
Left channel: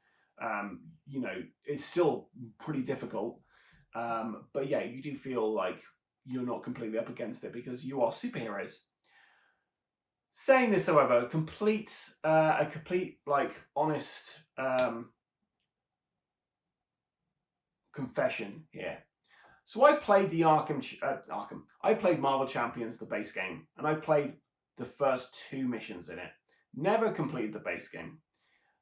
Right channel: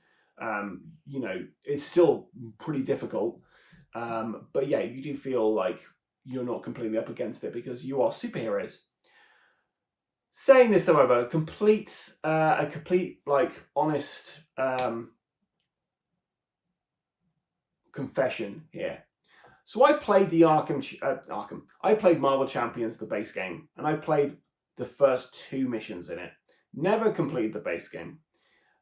it's still pretty difficult. But yeah, you do feel like you're not completely up against it because you are superheroes. Saying this, however, a complete like honest confession here. So I played the I played Marvel Champions, the base game, and I played the first 2 missions in it. Never completed the base game.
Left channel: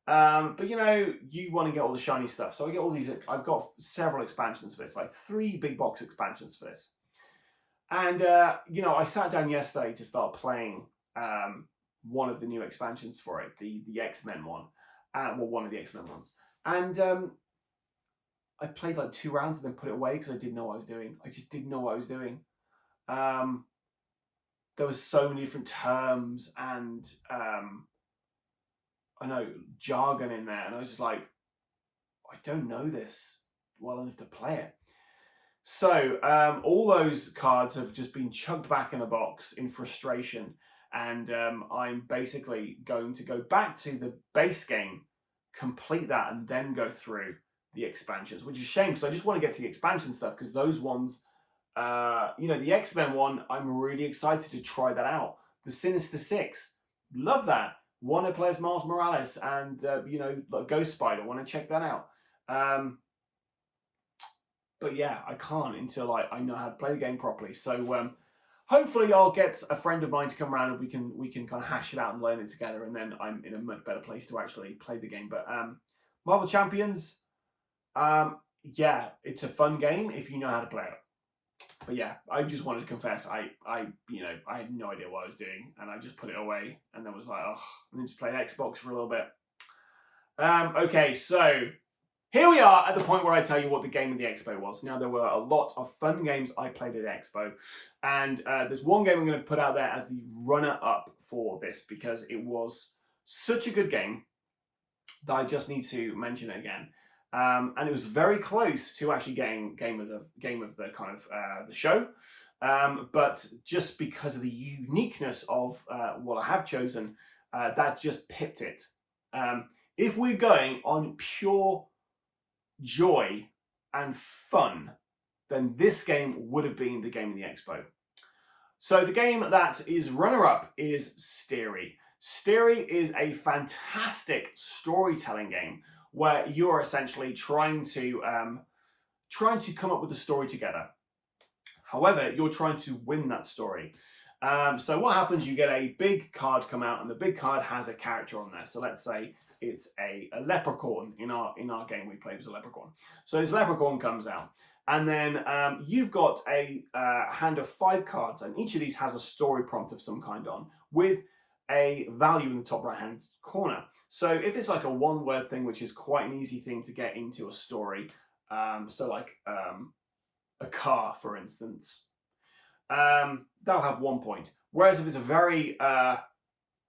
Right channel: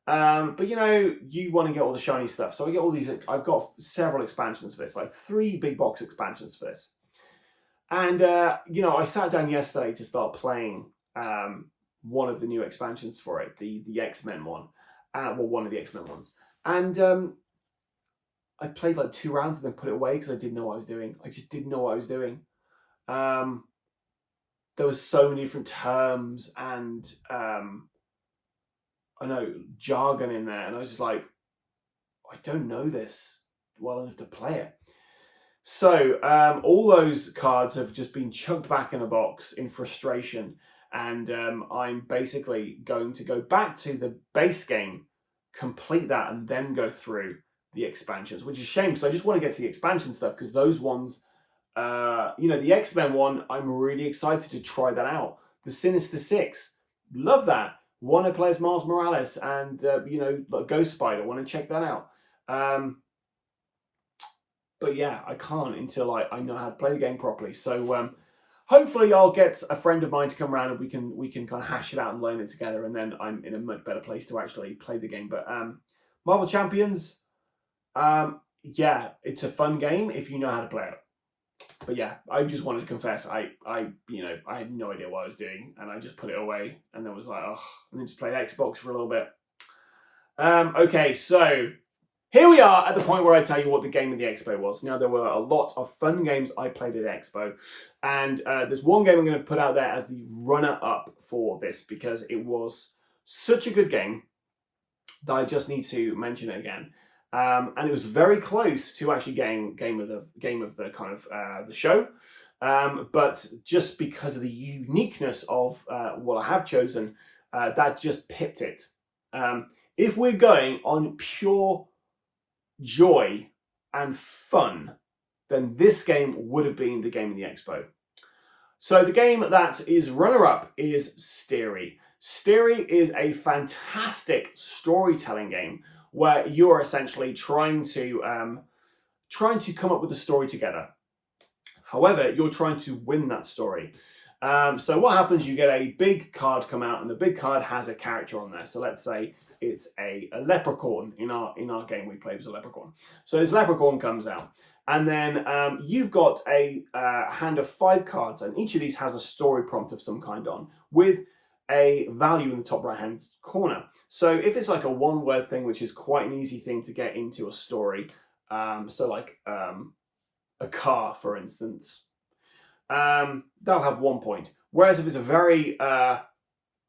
But you want to get all the shiny stuff. So I get all these, I've got several expansions for this, like 3 big box expansions for this. And, I sat down yesterday to start playing one of the new expansions for it, the X-Men one. One of the X-Men ones. And I played like 2 rounds and then put it away because I didn't know what I was doing. I just didn't know what I was doing. There was so many different terms and I know jargon in there, and I was just like, I don't know this well enough to play it. So all those cards have just been chucked back in a box in frustration, and I'm basically going to go back to the base game, complete that, and then go through the expansions, which is a shame because I just want to get to the expansion stuff, because those ones, the X-Men one, I'm really excited to try that out. The Sinister Six, love that. Want to play as Miles Morales and, like Ghost Spider. Want to check that out. But yeah, I can't until I know how to play the game properly. So hopefully I'll get a friend of mine to come around and we can kind of hash it out and learn it together. And then I'm in a much better place to actually play the game. But Marvel Champions, yeah, it's a fun game if you know how to play it. But yeah, I just wanted to confess, I had no idea what I was doing, and I just put it away, and then was like, oh, and then just played Xbox for a little bit. Okay, so here we are at the point where I tell you what the game of the Expo was. Now, there were a lot of fun games I played at Expo, and there's one game I'm going to put out there as the runner-up for this, because it was such a good game that I just need to mention it again. And it was very close to actually getting game of the kind of the show, but just because of the uniqueness of what I have chosen, that just pipped it. If we're going on pure joy and fun, then this game would have been the game of the Expo. So the game that is runner-up is Steery. Steery is a fantastic storytelling game where you're essentially trying to come up with a story together. However, you're trying to win that story. So what happens, you get a big card come out, and the big card has a character on there. So let's say it's a leprechaun. In our game we played as a leprechaun. So this leprechaun comes out, and then you've got a hand of 5 cards, and each of these has a story prompt of some kind on, with a value in the top right-hand corner. So if it's like a one-word thing, which is quite an easy thing to get into a story, so like a car, for instance, that'll have 1 point. Whereas if it's a very,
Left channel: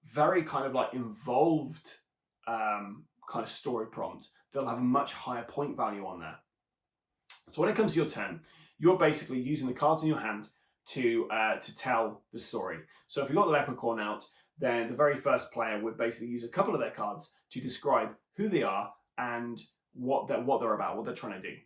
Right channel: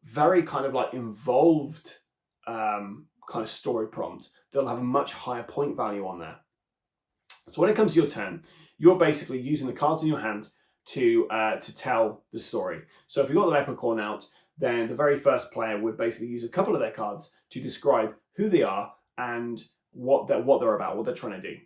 very kind of like involved kind of story prompt, they'll have a much higher point value on there. So when it comes to your turn, you're basically using the cards in your hand to tell the story. So if you've got the leprechaun out, then the very first player would basically use a couple of their cards to describe who they are and what they're about, what they're trying to do.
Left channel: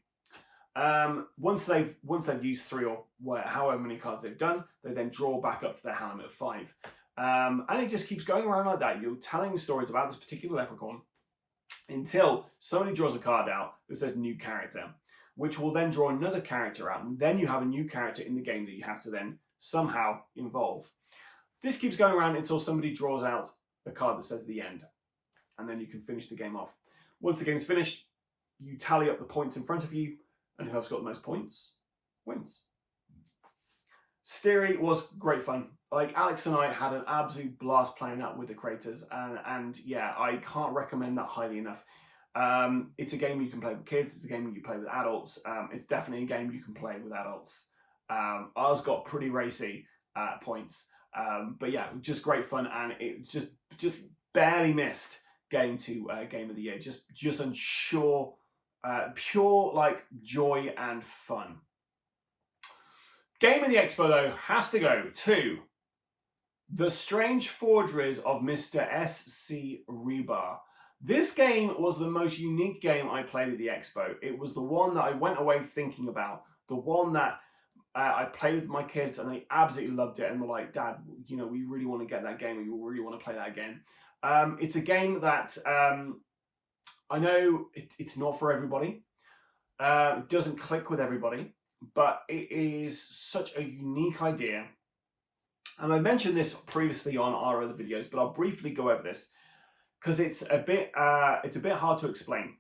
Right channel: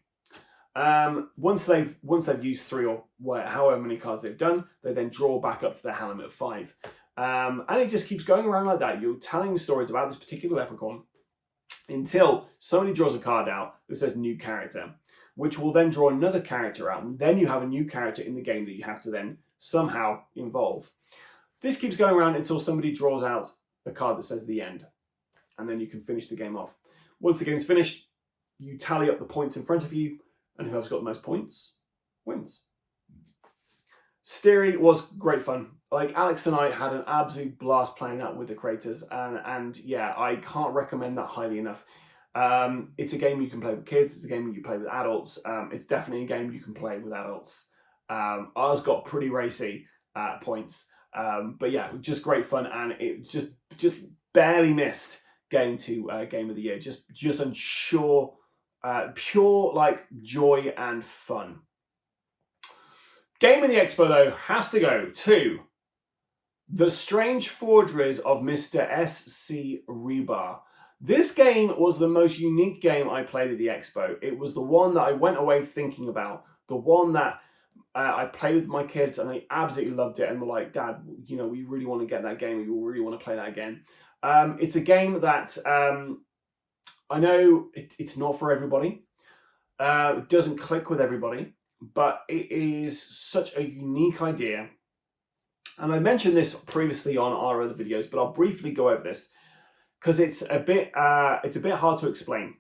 Once they've used 3 or however many cards they've done, they then draw back up to their hand limit of 5. And it just keeps going around like that. You're telling stories about this particular leprechaun until somebody draws a card out that says new character, which will then draw another character out. And then you have a new character in the game that you have to then somehow involve. This keeps going around until somebody draws out a card that says the end. And then you can finish the game off. Once the game's finished, you tally up the points in front of you, and whoever's got the most points wins. Steery was great fun. Like, Alex and I had an absolute blast playing that with the creators, and yeah, I can't recommend that highly enough. It's a game you can play with kids. It's a game you play with adults. It's definitely a game you can play with adults. Ours got pretty racy at points, but yeah, just great fun, and it just barely missed getting to Game of the Year. Just unsure, pure like joy and fun. Game of the Expo though has to go to The Strange Forgeries of Mr. S.C. Rebar. This game was the most unique game I played at the Expo. It was the one that I went away thinking about, the one that I played with my kids and they absolutely loved it and were like, Dad, you know, we really want to get that game. We really want to play that again. It's a game that I know it's not for everybody. It doesn't click with everybody, but it is such a unique idea. And I mentioned this previously on our other videos, but I'll briefly go over this because it's a bit hard to explain.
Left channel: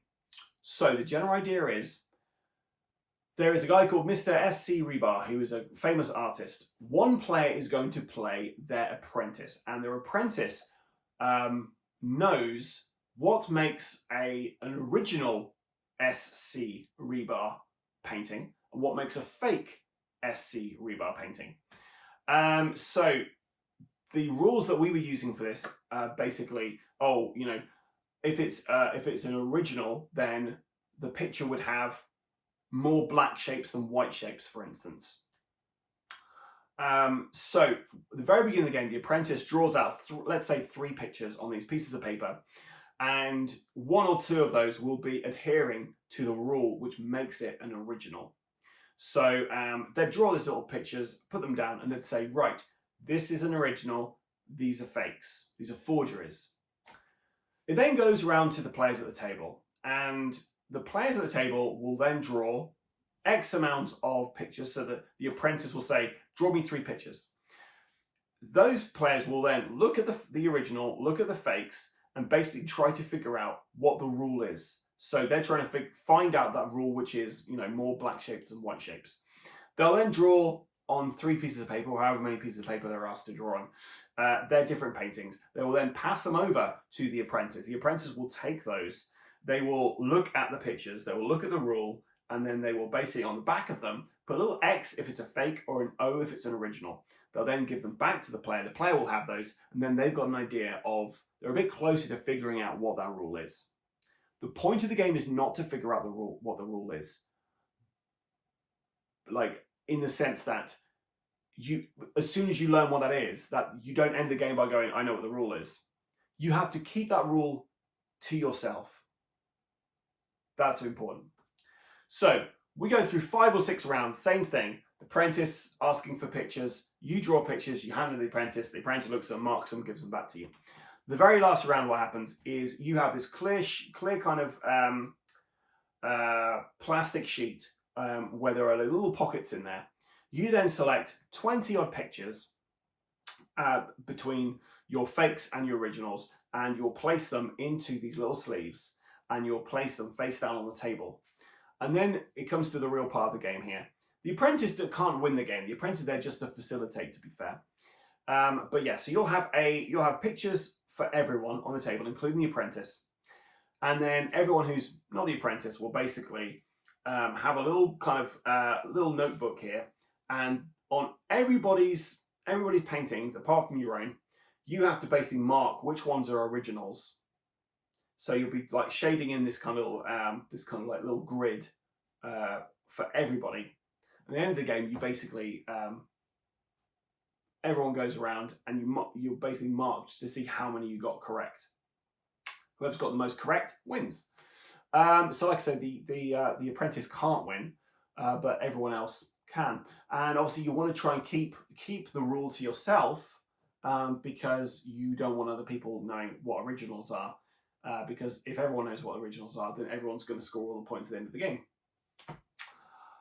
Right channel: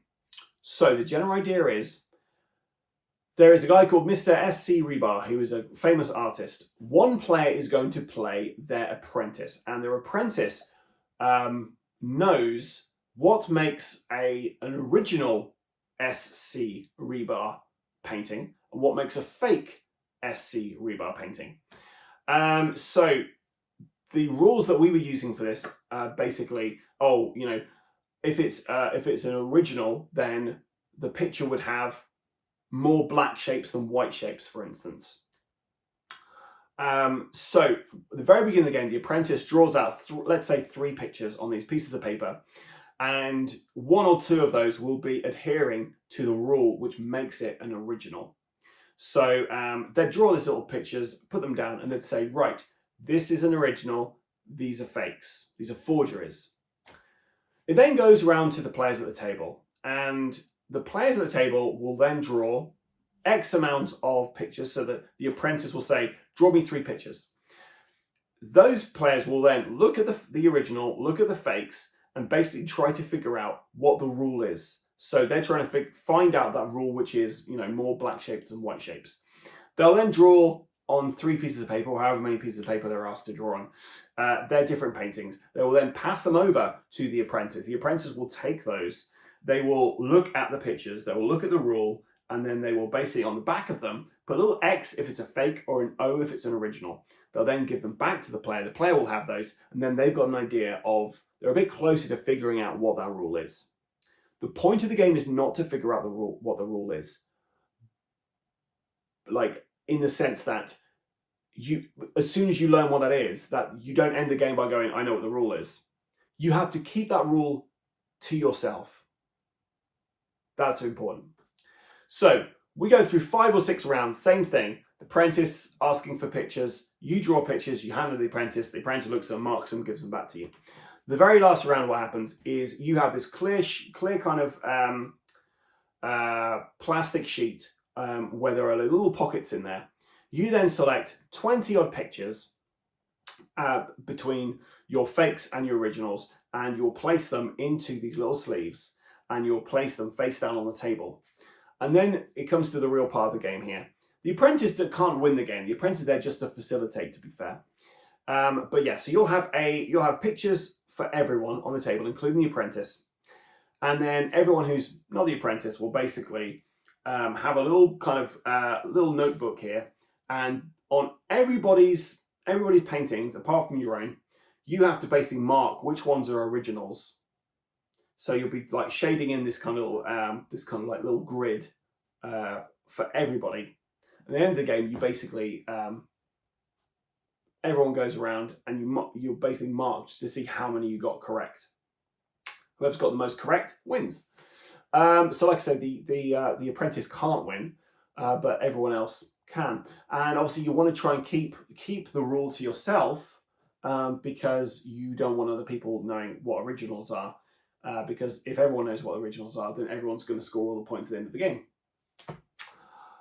So the general idea is there is a guy called Mr. S.C. Rebar, who is a famous artist. One player is going to play their apprentice, and their apprentice knows what makes an original S.C. Rebar painting and what makes a fake S.C. Rebar painting. So the rules that we were using for this basically, if it's an original, then the picture would have more black shapes than white shapes, for instance. So at the very beginning of the game, the apprentice draws out, let's say, 3 pictures on these pieces of paper, and 1 or 2 of those will be adhering to the rule which makes it an original. So they'd draw these little pictures, put them down, and they'd say, right, this is an original, these are fakes, these are forgeries. It then goes around to the players at the table, and the players at the table will then draw X amount of pictures, so that the apprentice will say, draw me 3 pictures. Those players will then look at the original, look at the fakes, and basically try to figure out what the rule is. So they're trying to find out that rule, which is, more black shapes than white shapes. They'll then draw on 3 pieces of paper, or however many pieces of paper they're asked to draw on, their different paintings. They will then pass them over to the apprentice. The apprentice will take those. They will look at the pictures. They will look at the rule, and then they will basically, on the back of them, put a little X if it's a fake or an O if it's an original. They'll then give them back to the player. The player will have those, and then they've got an idea of, they're a bit closer to figuring out what that rule is. The point of the game is not to figure out what the rule is. Like, in the sense that as soon as you learn what that is, that you don't end the game by going, I know what the rule is. You have to keep that rule to yourself. That's important. So we go through 5 or 6 rounds, same thing. The apprentice asking for pictures. You draw pictures, you hand them to the apprentice looks at them, marks them, gives them back to you. The very last round, what happens is you have this clear kind of plastic sheet where there are little pockets in there. You then select 20 odd pictures between your fakes and your originals, and you'll place them into these little sleeves, and you'll place them face down on the table. And then it comes to the real part of the game here. The apprentice can't win the game. The apprentice is there just to facilitate, to be fair. But yeah, so you'll have pictures for everyone on the table, including the apprentice, and then everyone who's not the apprentice will basically have a little kind of little notebook here, and on everybody's paintings, apart from your own, you have to basically mark which ones are originals. So you'll be like shading in this kind of like little grid for everybody. At the end of the game, you basically everyone goes around and you basically mark to see how many you got correct. Whoever's got the most correct wins. So like I said, the apprentice can't win, but everyone else can. And obviously you want to try and keep the rule to yourself, because you don't want other people knowing what originals are. Because if everyone knows what originals are, then everyone's going to score all the points at the end of the game.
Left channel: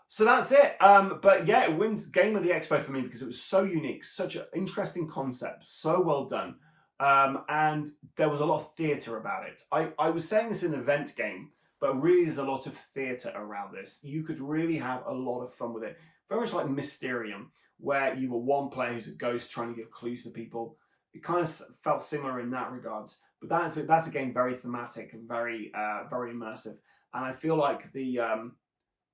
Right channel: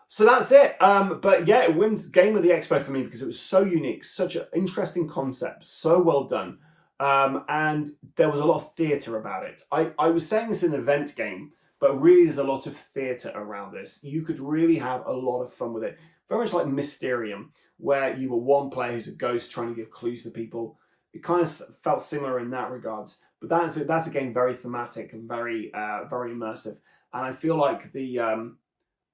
So that's it. But yeah, it wins Game of the Expo for me because it was so unique, such an interesting concept, so well done. And there was a lot of theatre about it. I was saying this in an event game, but really there's a lot of theatre around this. You could really have a lot of fun with it. Very much like Mysterium, where you were one player who's a ghost trying to give clues to people. It kind of felt similar in that regards. But that's a game very thematic and very immersive. And I feel like the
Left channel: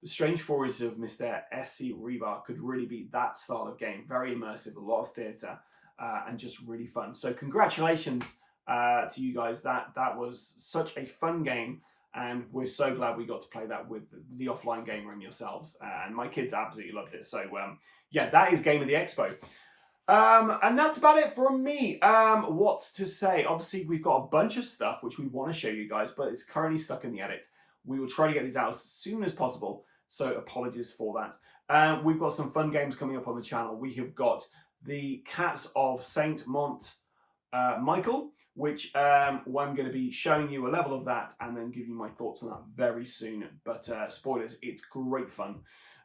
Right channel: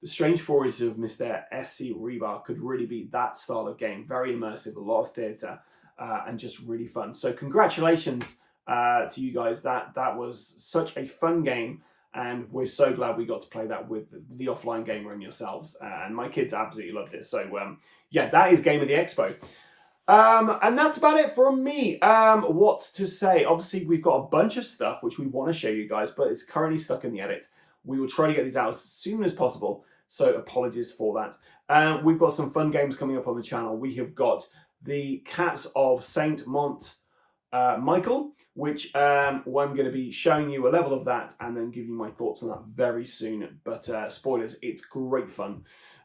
Strange Stories of Mr. S.C. Rebar could really be that style of game. Very immersive, a lot of theatre, and just really fun. So congratulations to you guys. That was such a fun game, and we're so glad we got to play that with the offline gamer and yourselves. And my kids absolutely loved it. So yeah, that is Game of the Expo. And that's about it from me. What to say? Obviously, we've got a bunch of stuff which we want to show you guys, but it's currently stuck in the edit. We will try to get these out as soon as possible, so apologies for that. We've got some fun games coming up on the channel. We have got the Cats of Saint Michael, which I'm going to be showing you a level of that and then giving you my thoughts on that very soon. But spoilers, it's great fun.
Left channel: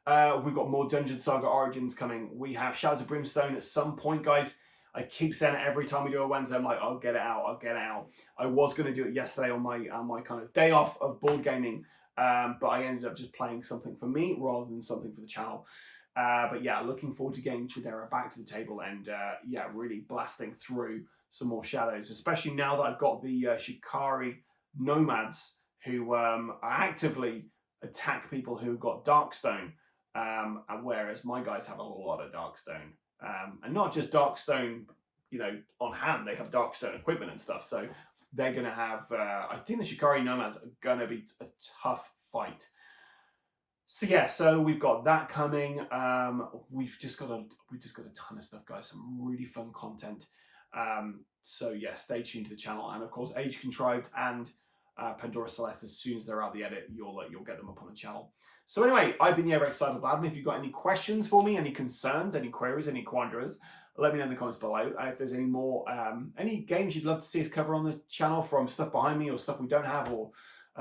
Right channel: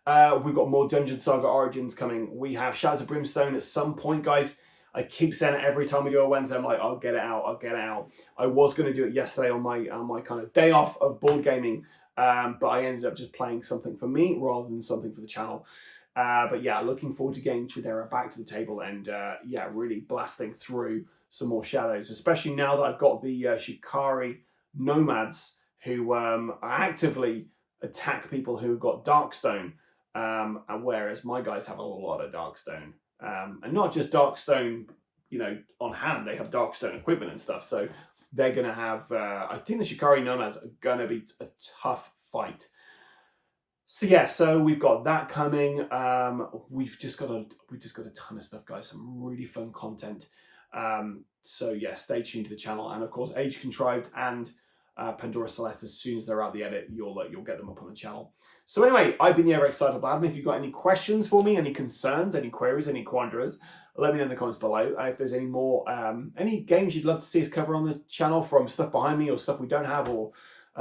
We've got more Dungeon Saga Origins coming. We have Shadows of Brimstone at some point, guys. I keep saying it every time we do a Wednesday. I'm like, I'll get it out. I was going to do it yesterday on my kind of day off of board gaming, but I ended up just playing something for me rather than something for the channel. But yeah, looking forward to getting Tradera back to the table and yeah, really blasting through some more Shadows, especially now that I've got the Shikari nomads who actively attack people who've got Darkstone. And whereas my guys have a lot of Darkstone, and not just Darkstone, on hand, they have Darkstone equipment and stuff. So they're going to have, I think the Shikari Nomads are going to be a tough fight. So yeah, so we've got that coming. We've just got a ton of stuff, guys. Some really fun content. So yeah, stay tuned to the channel, and of course, Age Contrived and Pandora Celeste. As soon as they're out the edit, you'll get them up on the channel. So anyway, I've been the ever excitable Adam. If you've got any questions for me, any concerns, any queries, any quandaries, let me know in the comments below. If there's any more, any games you'd love to see us cover on the channel, from stuff behind me or stuff we don't have, or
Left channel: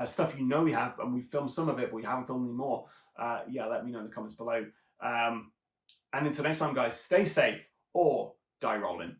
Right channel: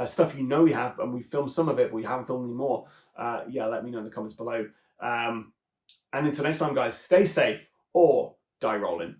stuff we have and we filmed some of it but we haven't filmed any more, yeah, let me know in the comments below. And until next time, guys, stay safe or die rolling.